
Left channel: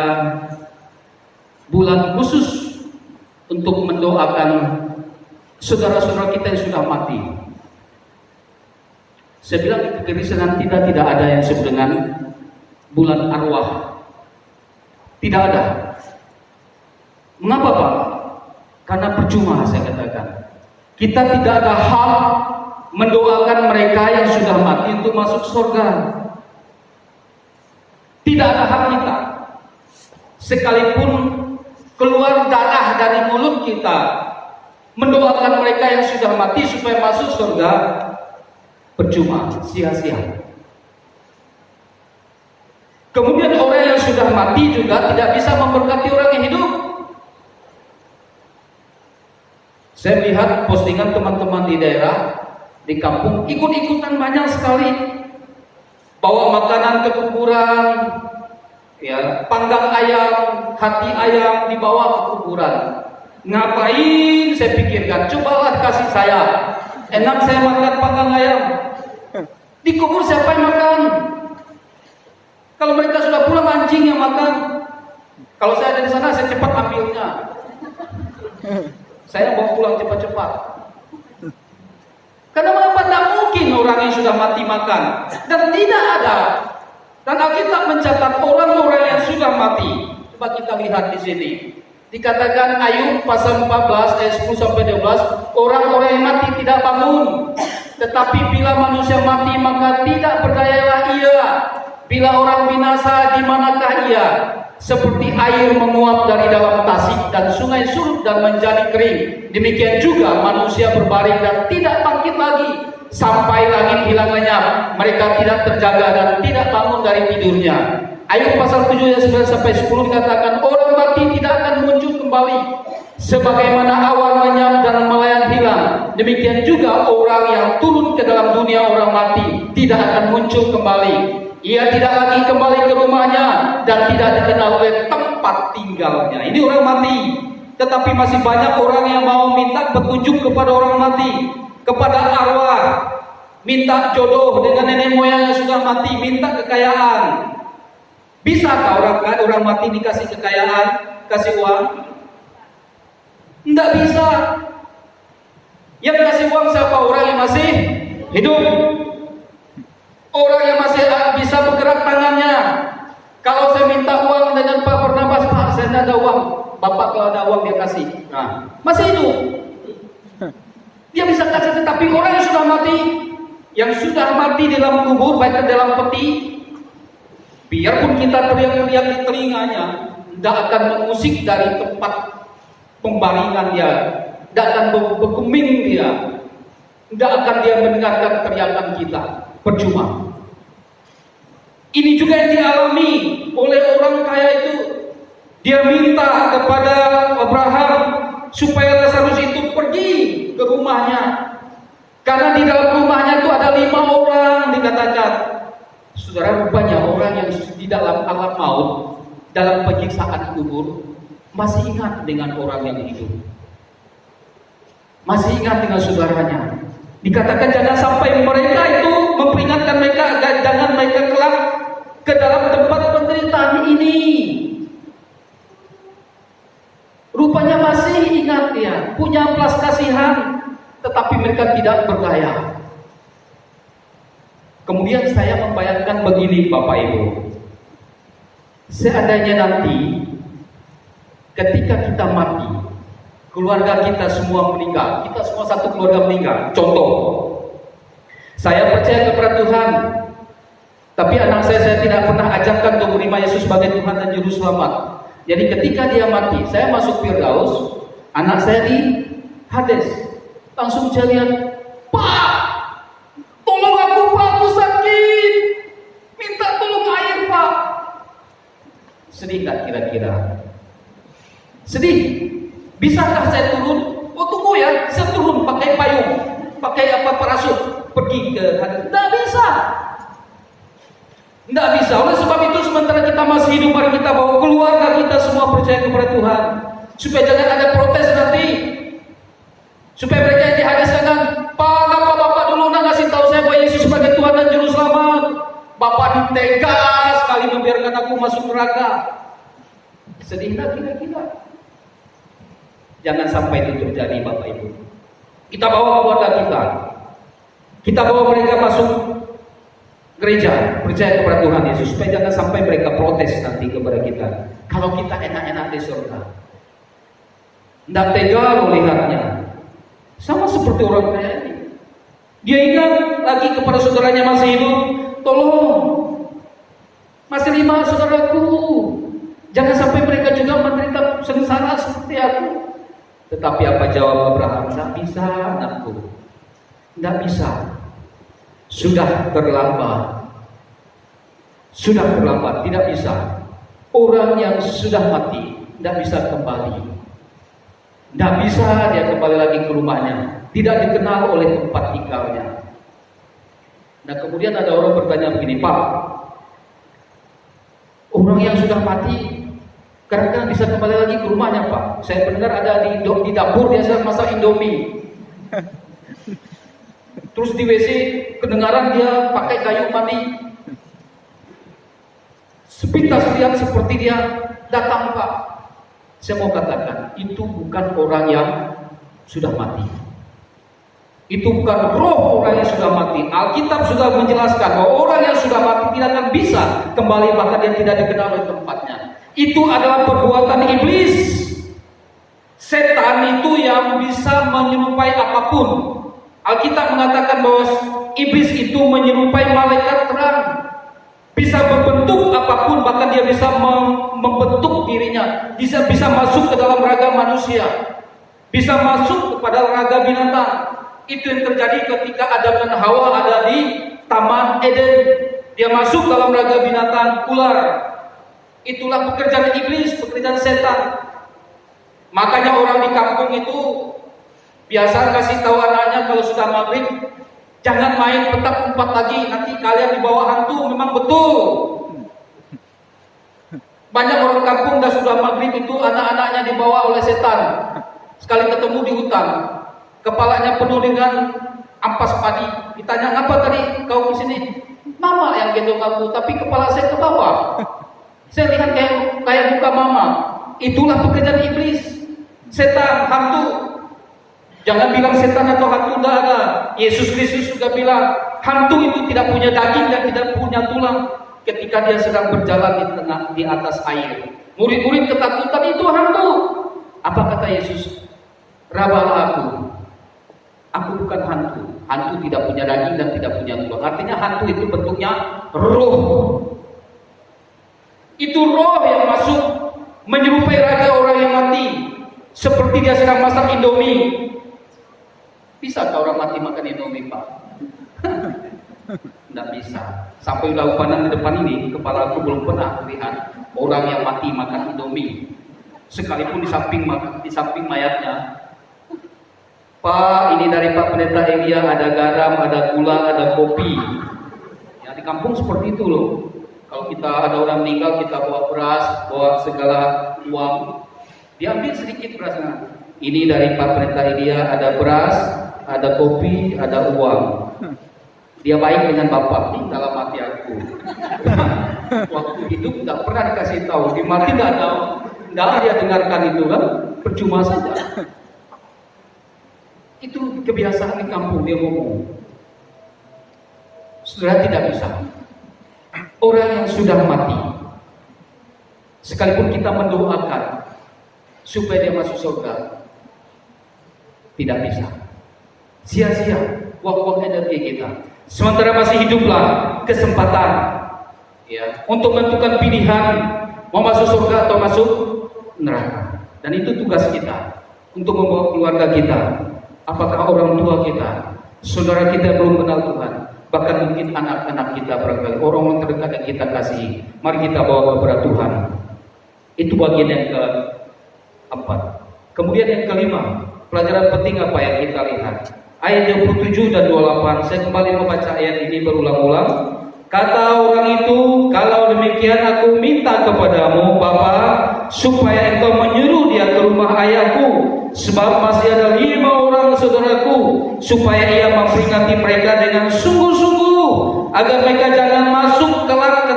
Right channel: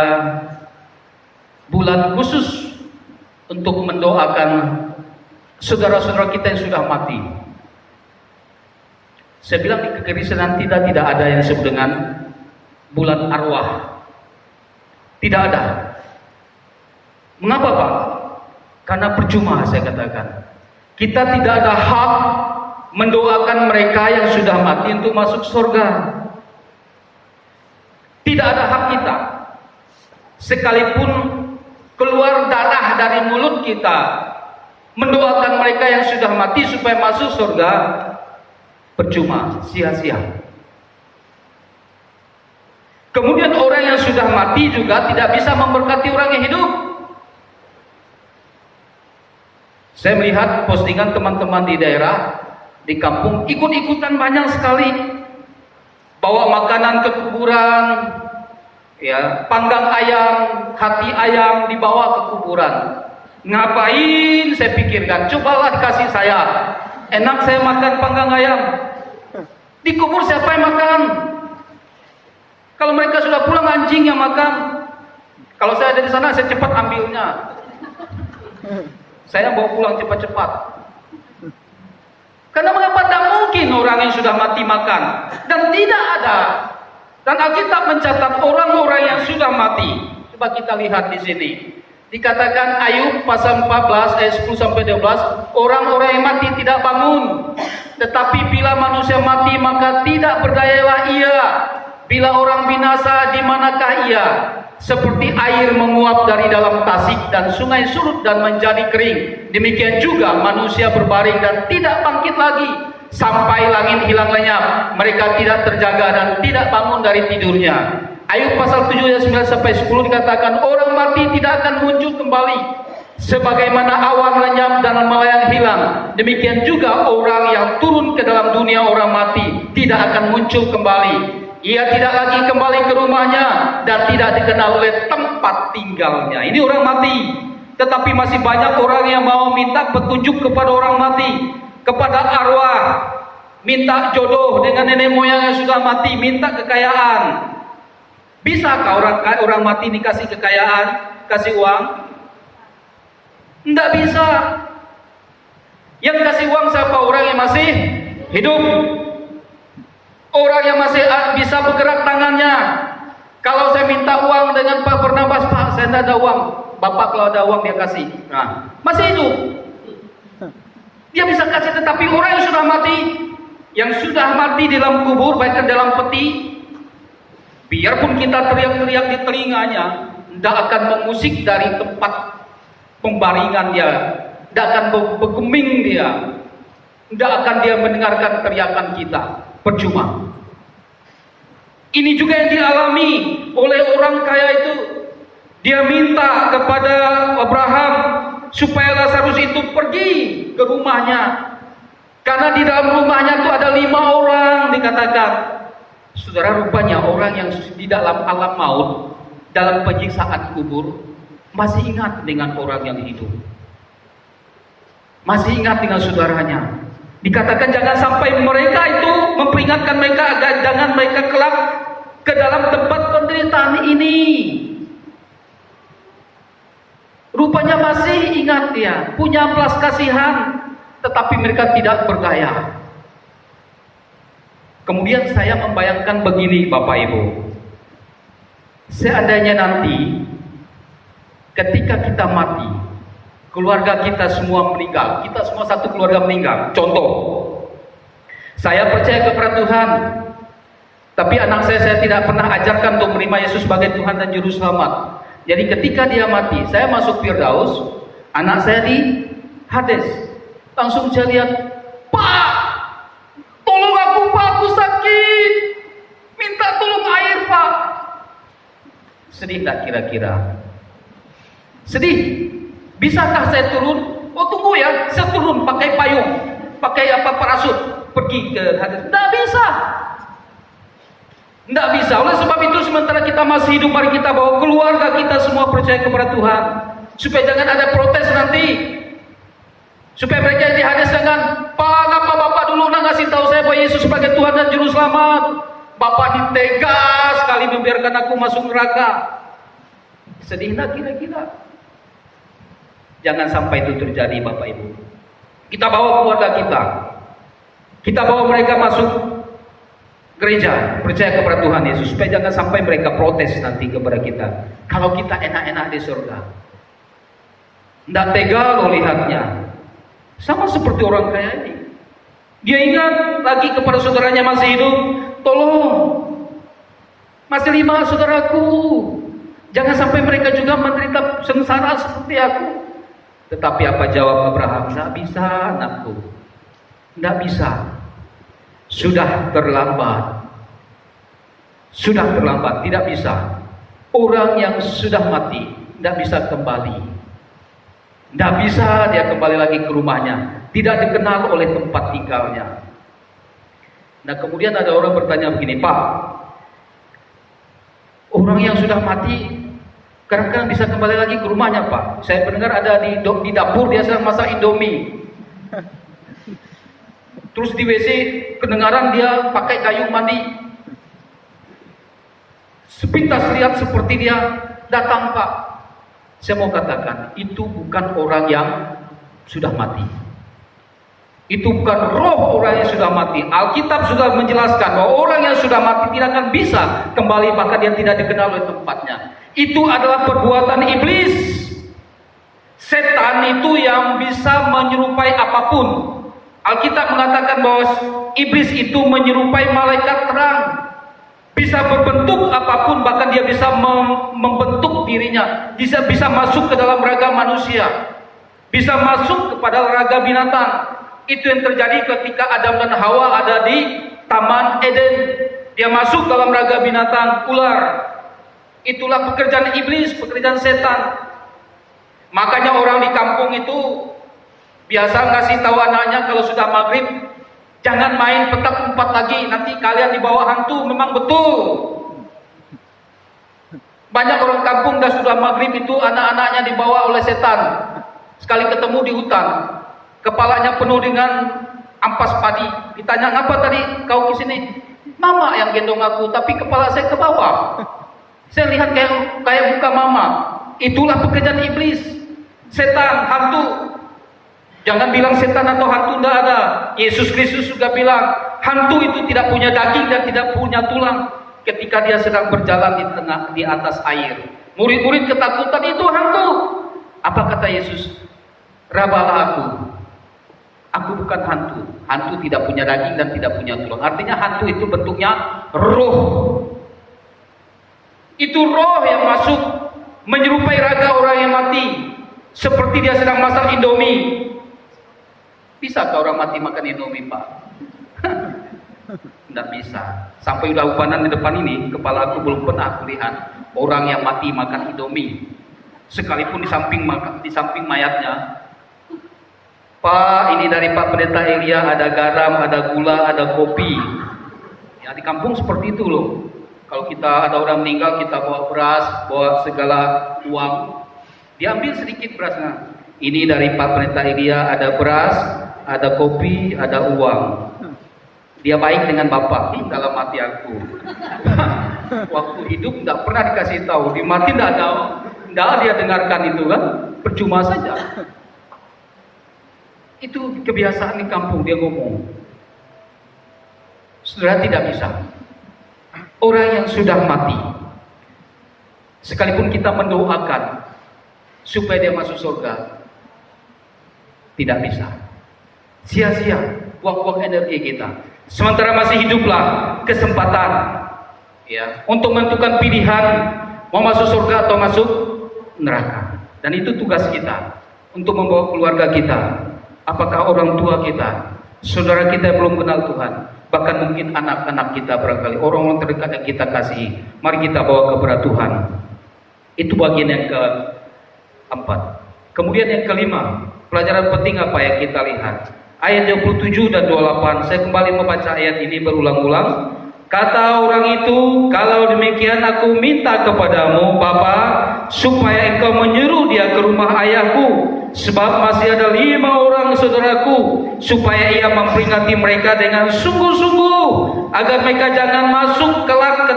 bulan khusus untuk mendoakan saudara-saudara kita yang sudah mati? Saya bilang di kekristenan tidak ada yang disebut dengan bulan arwah. Tidak ada. Mengapa, Pak? Karena percuma, saya katakan. Kita tidak ada hak mendoakan mereka yang sudah mati untuk masuk surga. Tidak ada hak kita. Sekalipun keluar darah dari mulut kita mendoakan mereka yang sudah mati supaya masuk surga, percuma, sia-sia. Kemudian orang yang sudah mati juga tidak bisa memberkati orang yang hidup. Saya melihat postingan teman-teman di daerah, di kampung, ikut-ikutan banyak sekali bawa makanan ke kuburan, ya, panggang ayam, hati ayam dibawa ke kuburan. Ngapain? Saya pikirkan, cobalah kasih saya, enak saya makan panggang ayam. Di kubur siapa yang makan? Kalau mereka sudah pulang, anjing yang makan. Kalau saya ada di sana, saya cepat ambilnya. Saya bawa pulang cepat-cepat. Karena mengapa tidak mungkin orang yang sudah mati makan? Dan tidak ada. Dan Alkitab mencatat orang-orang yang sudah mati. Coba kita lihat di sini. Dikatakan Ayub pasal 14 ayat 10 sampai 12, orang-orang yang mati tidak bangun. Tetapi bila manusia mati maka tidak berdayalah ia. Bila orang binasa, di manakah ia? Seperti air menguap dari dalam tasik dan sungai surut dan menjadi kering. Demikian juga manusia berbaring dan tidak bangkit lagi sampai langit hilang lenyap. Mereka tidak terjaga dan tidak bangun dari tidurnya. Ayub pasal 7 ayat 9 sampai 10 dikatakan orang mati tidak akan muncul kembali. Sebagaimana awan lenyap dan melayang hilang, demikian juga orang yang turun ke dalam dunia orang mati tidak akan muncul kembali. Ia tidak lagi kembali ke rumahnya dan tidak dikenal oleh tempat tinggalnya. Ini orang mati. Tetapi masih banyak orang yang mau minta petunjuk kepada orang mati. kepada arwah, minta jodoh dengan nenek moyang yang sudah mati, minta kekayaan. Bisakah orang mati dikasih kekayaan, kasih uang? Tidak bisa. Yang kasih uang siapa? Orang yang masih hidup. Orang yang masih bisa bergerak tangannya. Kalau saya minta uang dengan Pak Bernabas, Pak, saya tidak ada uang. Bapak kalau ada uang dia kasih. Nah, masih hidup. Dia bisa kasih, tetapi orang yang sudah mati dalam kubur, baik dalam peti, biarpun kita teriak-teriak di telinganya, tidak akan mengusik dari tempat pembaringan dia, tidak akan bergeming dia, tidak akan dia mendengarkan teriakan kita. Percuma. Ini juga yang dialami oleh orang kaya itu. Dia minta kepada Abraham supaya Lazarus itu pergi ke rumahnya, karena di dalam rumahnya itu ada 5 orang dikatakan. Saudara, rupanya orang yang di dalam alam maut, dalam penyiksaan kubur, masih ingat dengan orang yang hidup, masih ingat dengan saudaranya. Dikatakan jangan sampai mereka itu memperingatkan mereka agar jangan mereka kelak ke dalam tempat penderitaan ini. Rupanya masih ingat dia, punya belas kasihan, tetapi mereka tidak berdaya. Kemudian saya membayangkan begini Bapak Ibu, seandainya nanti ketika kita mati, keluarga kita semua meninggal, kita semua satu keluarga meninggal. Contoh, saya percaya kepada Tuhan, tapi anak saya tidak pernah ajarkan untuk menerima Yesus sebagai Tuhan dan Juru Selamat. Jadi ketika dia mati, saya masuk Firdaus, anak saya di Hades. Langsung saya lihat, Pak, tolong aku Pak, aku sakit, minta tolong air Pak. Sedih tak kira-kira? Sedih. Bisakah saya turun? Oh tunggu ya, saya turun pakai payung, pakai parasut, pergi ke Hades. Tidak bisa. Tidak bisa. Oleh sebab itu sementara kita masih hidup, mari kita bawa keluarga kita semua percaya kepada Tuhan, supaya jangan ada protes nanti, supaya mereka yang di Hades jangan, Pak, Bapak dulu nak ngasih tahu saya bahwa Yesus sebagai Tuhan dan Juru Selamat. Bapak ditegas sekali membiarkan aku masuk neraka. Sedih nak kira-kira? Jangan sampai itu terjadi Bapak Ibu. Kita bawa keluarga kita bawa mereka masuk gereja, percaya kepada Tuhan Yesus, supaya jangan sampai mereka protes nanti kepada kita. Kalau kita enak-enak di surga, tidak tega melihatnya. Sama seperti orang kaya ini. Dia ingat lagi kepada saudaranya masih hidup, tolong, masih 5 saudaraku, jangan sampai mereka juga menderita sengsara seperti aku. Tetapi apa jawab Abraham? Tidak bisa anakku, tidak bisa. Sudah terlambat. Sudah terlambat, tidak bisa. Orang yang sudah mati tidak bisa kembali. Tidak bisa dia kembali lagi ke rumahnya. Tidak dikenal oleh tempat tinggalnya. Nah kemudian ada orang bertanya begini, Pak, orang yang sudah mati kadang-kadang bisa kembali lagi ke rumahnya Pak. Saya mendengar ada di dapur dia sedang masak Indomie. Terus di WC kedengaran dia pakai kayu mandi. Sepintas lihat seperti dia datang Pak. Saya mau katakan, itu bukan orang yang sudah mati. Itu bukan roh orang yang sudah mati. Alkitab sudah menjelaskan bahwa orang yang sudah mati tidak akan bisa kembali, bahkan dia tidak dikenal oleh tempatnya. Itu adalah perbuatan iblis. Setan itu yang bisa menyerupai apapun. Alkitab mengatakan bahwa iblis itu menyerupai malaikat terang, bisa berbentuk apapun, bahkan dia bisa membentuk dirinya, bisa masuk ke dalam raga manusia, bisa masuk kepada raga binatang. Itu yang terjadi ketika Adam dan Hawa ada di Taman Eden. Dia masuk dalam raga binatang ular. Itulah pekerjaan iblis, pekerjaan setan. Makanya orang di kampung itu biasa kasih tahu anaknya kalau sudah maghrib, jangan main petak umpet lagi, nanti kalian dibawa hantu. Memang betul. Banyak orang kampung dah sudah maghrib itu anak-anaknya dibawa oleh setan. Sekali ketemu di hutan, kepalanya penuh dengan ampas padi. Ditanya, ngapa tadi kau ke sini? Mama yang gendong aku, tapi kepala saya ke bawah. Saya lihat kayak muka mama. Itulah pekerjaan iblis, setan, hantu. Jangan bilang setan atau hantu, tidak ada. Yesus Kristus juga bilang, hantu itu tidak punya daging dan tidak punya tulang. Ketika dia sedang berjalan di atas air, murid-murid ketakutan, itu hantu. Apa kata Yesus? Rabalah aku. Aku bukan hantu. Hantu tidak punya daging dan tidak punya tulang. Artinya hantu itu bentuknya roh. Itu roh yang masuk menyerupai raga orang yang mati, seperti dia sedang masak Indomie. Bisa ke orang mati makan Indomie, Pak? Tidak bisa. Sampai udah upanan di depan ini, kepala aku belum pernah melihat orang yang mati makan Indomie. Sekalipun di samping mayatnya, Pak, ini dari Pak Pendeta Elia, ada garam, ada gula, ada kopi. Ya, di kampung seperti itu loh. Kalau kita ada orang meninggal, kita bawa beras, bawa segala uang. Diambil sedikit berasnya. Ini dari Pak Pendeta Elia, ada beras, ada kopi, ada uang. Dia baik dengan Bapak, ini dalam hati aku. Waktu hidup tidak pernah dikasih tahu, di mati tidak ada dia dengarkan itu kan, percuma saja. Itu kebiasaan di kampung, dia ngomong. Saudara, tidak bisa. Orang yang sudah mati, sekalipun kita mendoakan supaya dia masuk surga, tidak bisa. Sia-sia buang-buang energi kita. Sementara masih hiduplah kesempatan ya untuk menentukan pilihan mau masuk surga atau masuk neraka. Dan itu tugas kita untuk membawa keluarga kita. Apakah orang tua kita, saudara kita yang belum kenal Tuhan, bahkan mungkin anak-anak kita barangkali, orang-orang terdekat yang kita kasihi, mari kita bawa kepada Tuhan. Itu bagian yang keempat. Kemudian yang kelima, pelajaran penting apa yang kita lihat? Ayat 27 dan 28, saya kembali membaca ayat ini berulang-ulang. Kata orang itu, kalau demikian aku minta kepadamu, Bapa, supaya engkau menyuruh dia ke rumah ayahku, sebab masih ada 5 orang saudaraku, supaya ia memperingati mereka dengan sungguh-sungguh, agar mereka jangan masuk kelak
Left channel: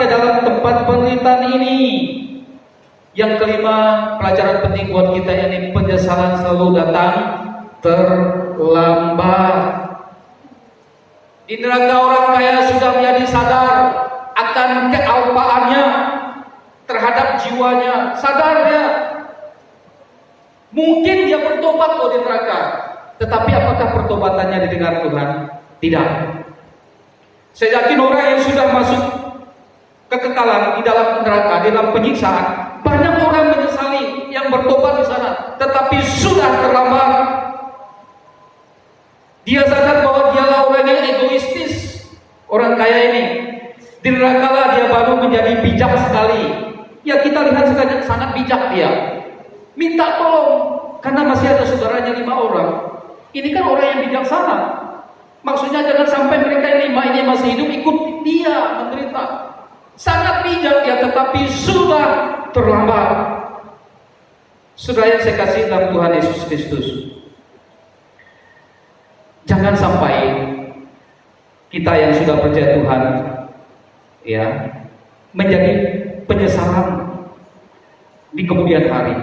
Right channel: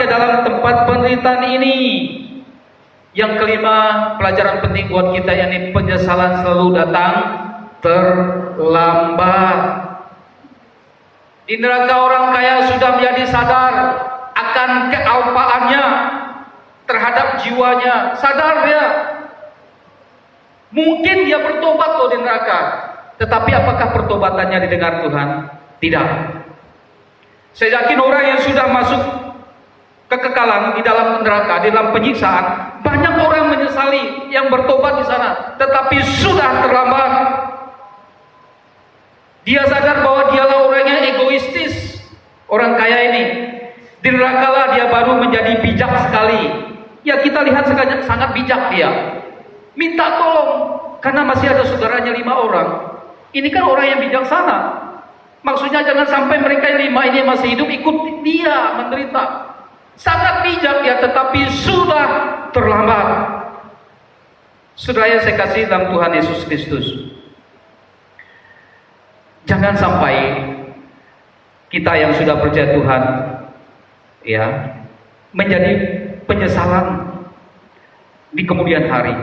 ke dalam tempat penderitaan ini. Yang kelima, pelajaran penting buat kita, yakni penyesalan selalu datang terlambat. Di neraka orang kaya sudah menjadi sadar akan kealpaannya terhadap jiwanya, sadar dia. Mungkin dia bertobat loh di neraka, tetapi apakah pertobatannya didengar Tuhan? Tidak. Saya yakin orang yang sudah masuk kekekalan di dalam neraka, di dalam penyiksaan, banyak orang menyesali yang bertobat di sana, tetapi sudah terlambat. Dia sadar bahwa dialah orang yang egoistis, orang kaya ini. Di neraka lah dia baru menjadi bijak sekali. Ya, kita lihat sangat bijak dia. Minta tolong karena masih ada saudaranya 5 orang. Ini kan orang yang bijaksana. Maksudnya jangan sampai mereka yang 5 ini masih hidup ikut dia menderita. Sangat bijak ya, tetapi sudah terlambat. Saudara yang saya kasih dalam Tuhan Yesus Kristus, jangan sampai kita yang sudah percaya Tuhan ya menjadi penyesalan di kemudian hari.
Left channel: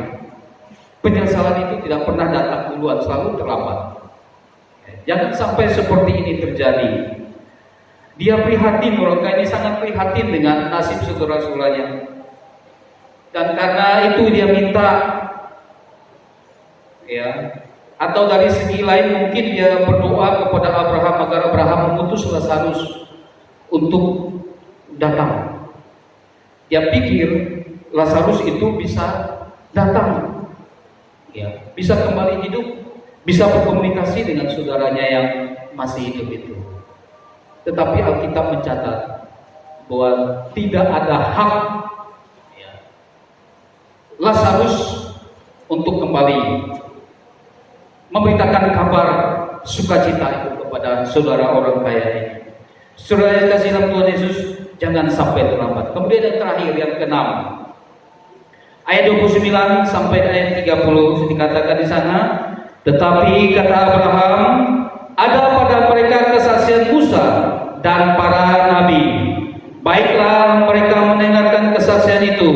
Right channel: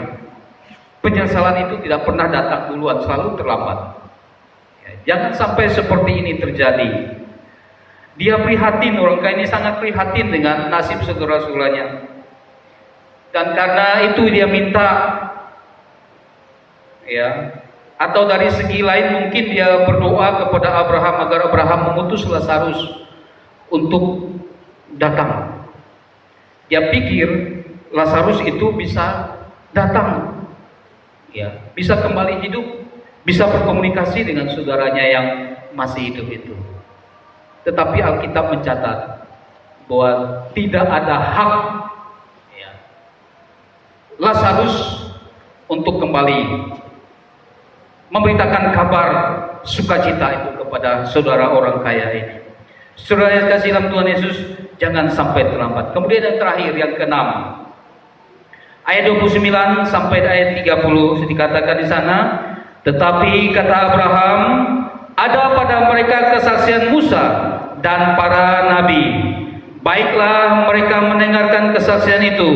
Penyesalan itu tidak pernah datang duluan, selalu terlambat. Jangan sampai seperti ini terjadi. Dia prihatin, orang kaya ini sangat prihatin dengan nasib saudara-saudaranya. Dan karena itu dia minta ya, atau dari segi lain mungkin dia berdoa kepada Abraham agar Abraham mengutus Lazarus untuk datang. Dia pikir Lazarus itu bisa datang, ya, bisa kembali hidup, bisa berkomunikasi dengan saudaranya yang masih hidup itu. Tetapi Alkitab mencatat bahwa tidak ada hak ya, Lazarus untuk kembali memberitakan kabar sukacita itu kepada saudara orang kaya ini. Saudara yang kasih dalam Tuhan Yesus, jangan sampai terlambat. Kemudian yang terakhir, yang keenam, ayat 29 sampai ayat 30 dikatakan di sana, tetapi kata Abraham, ada pada mereka kesaksian Musa dan para nabi. Baiklah mereka mendengarkan kesaksian itu.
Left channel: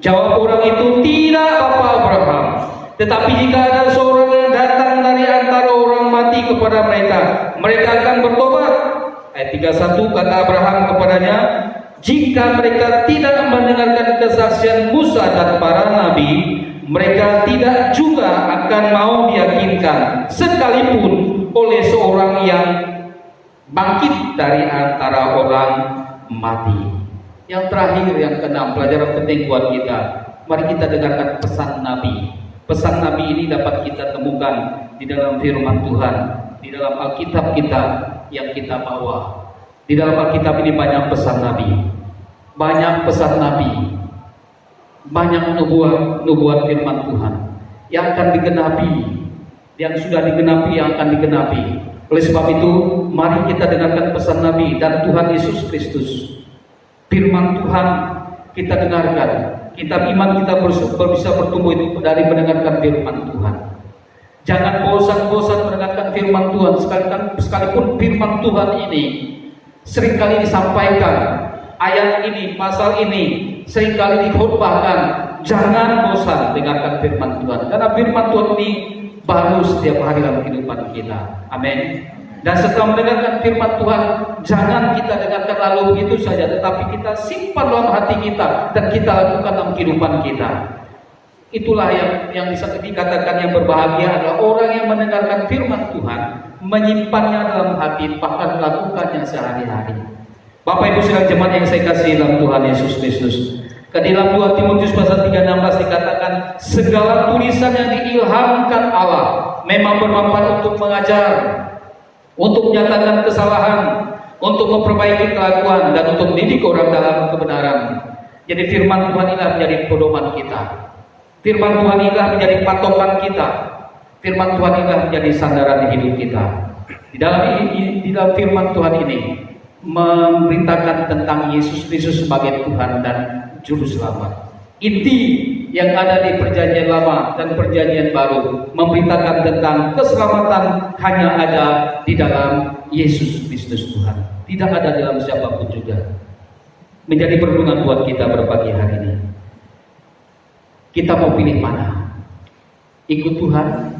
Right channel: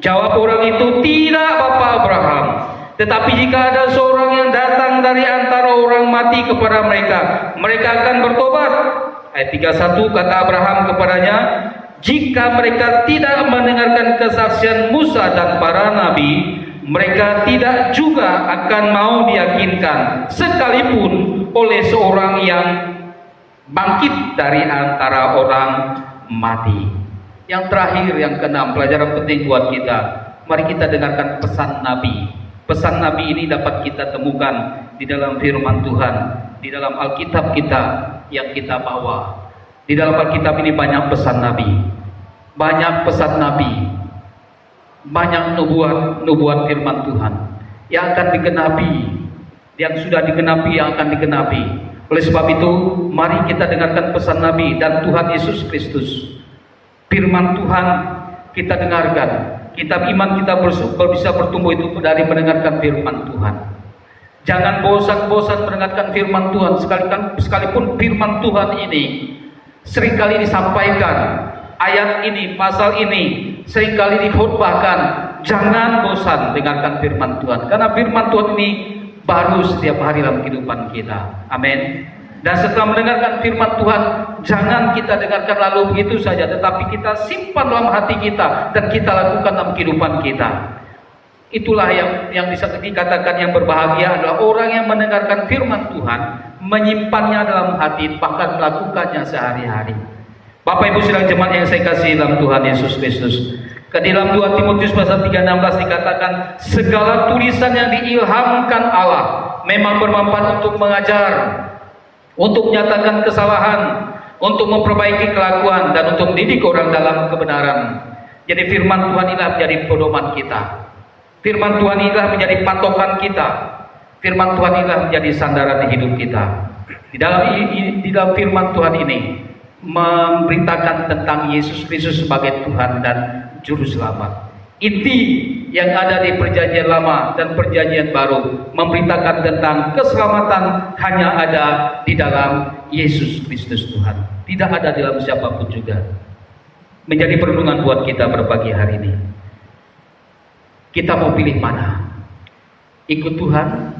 Jawab orang itu, tidak Bapa Abraham. Tetapi jika ada seorang yang datang dari antara orang mati kepada mereka, mereka akan bertobat. Ayat 31, kata Abraham kepadanya, jika mereka tidak mendengarkan kesaksian Musa dan para nabi, mereka tidak juga akan mau diyakinkan, sekalipun oleh seorang yang bangkit dari antara orang mati. Yang terakhir, yang keenam, pelajaran penting buat kita. Mari kita dengarkan pesan Nabi. Pesan Nabi ini dapat kita temukan di dalam firman Tuhan, di dalam Alkitab kita yang kita bawa. Di dalam Alkitab ini banyak pesan Nabi, banyak pesan Nabi, banyak nubuat firman Tuhan yang akan digenapi, yang sudah digenapi, yang akan digenapi. Oleh sebab itu, mari kita dengarkan pesan Nabi dan Tuhan Yesus Kristus. Firman Tuhan kita dengarkan, kitab iman kita bisa bertumbuh itu dari mendengarkan firman Tuhan. Jangan bosan-bosan mendengarkan firman Tuhan, sekalipun firman Tuhan ini seringkali disampaikan, ayat ini, pasal ini seringkali dikhotbahkan. Jangan bosan dengarkan firman Tuhan, karena firman Tuhan ini baru setiap hari dalam kehidupan kita. Amin. Dan setelah mendengarkan firman Tuhan, jangan kita dengarkan lalu begitu saja, tetapi kita simpan dalam hati kita dan kita lakukan dalam kehidupan kita. Itulah yang bisa dikatakan yang berbahagia adalah orang yang mendengarkan firman Tuhan, menyimpannya dalam hati, bahkan melakukannya sehari-hari. Bapak Ibu saudara jemaat yang saya kasih dalam Tuhan Yesus Kristus, ke dalam 2 Timotius pasal 3:16 dikatakan, segala tulisan yang diilhamkan Allah memang bermanfaat untuk mengajar, untuk menyatakan kesalahan, untuk memperbaiki kelakuan, dan untuk mendidik orang dalam kebenaran. Jadi firman Tuhan inilah menjadi pedoman kita. Firman Tuhan inilah menjadi patokan kita. Firman Tuhan inilah menjadi sandaran hidup kita. Di dalam firman Tuhan ini memberitakan tentang Yesus Kristus sebagai Tuhan dan Juru Selamat. Inti yang ada di perjanjian lama dan perjanjian baru memberitakan tentang keselamatan hanya ada di dalam Yesus Kristus Tuhan, tidak ada dalam siapapun juga. Menjadi perenungan buat kita berpagi hari ini. Kita mau pilih mana? Ikut Tuhan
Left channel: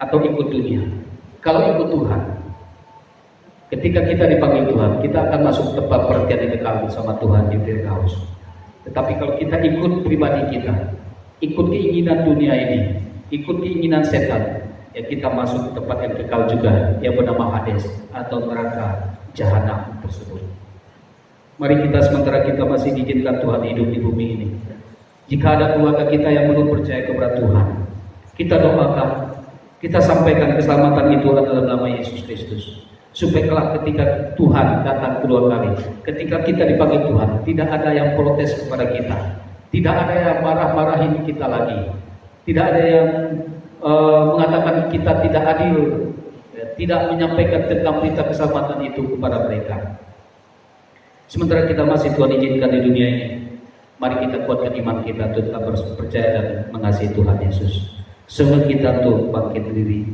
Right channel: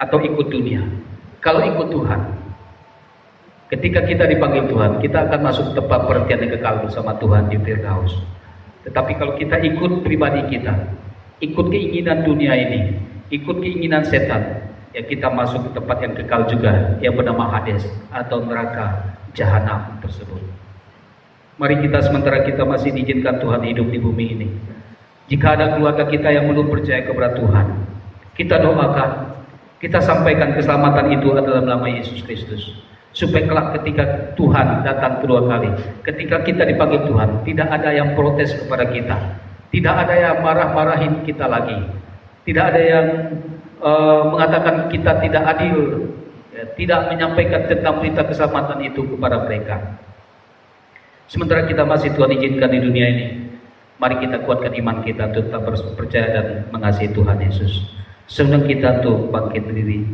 atau ikut dunia? Kalau ikut Tuhan, ketika kita dipanggil Tuhan, kita akan masuk tempat perhentian yang kekal bersama Tuhan di Firdaus. Tetapi kalau kita ikut pribadi kita, ikut keinginan dunia ini, ikut keinginan setan, ya kita masuk ke tempat yang kekal juga, yang bernama Hades atau neraka jahanam tersebut. Mari kita sementara kita masih diizinkan Tuhan hidup di bumi ini, jika ada keluarga kita yang belum percaya kepada Tuhan, kita doakan, kita sampaikan keselamatan itu adalah nama Yesus Kristus. Supaya kelak ketika Tuhan datang kedua kali, ketika kita dipanggil Tuhan, tidak ada yang protes kepada kita, tidak ada yang marah-marahin kita lagi, tidak ada yang mengatakan kita tidak adil, ya, tidak menyampaikan tentang berita keselamatan itu kepada mereka. Sementara kita masih Tuhan izinkan di dunia ini, mari kita kuatkan iman kita untuk tetap percaya dan mengasihi Tuhan Yesus. Sebelum kita untuk bangkit berdiri,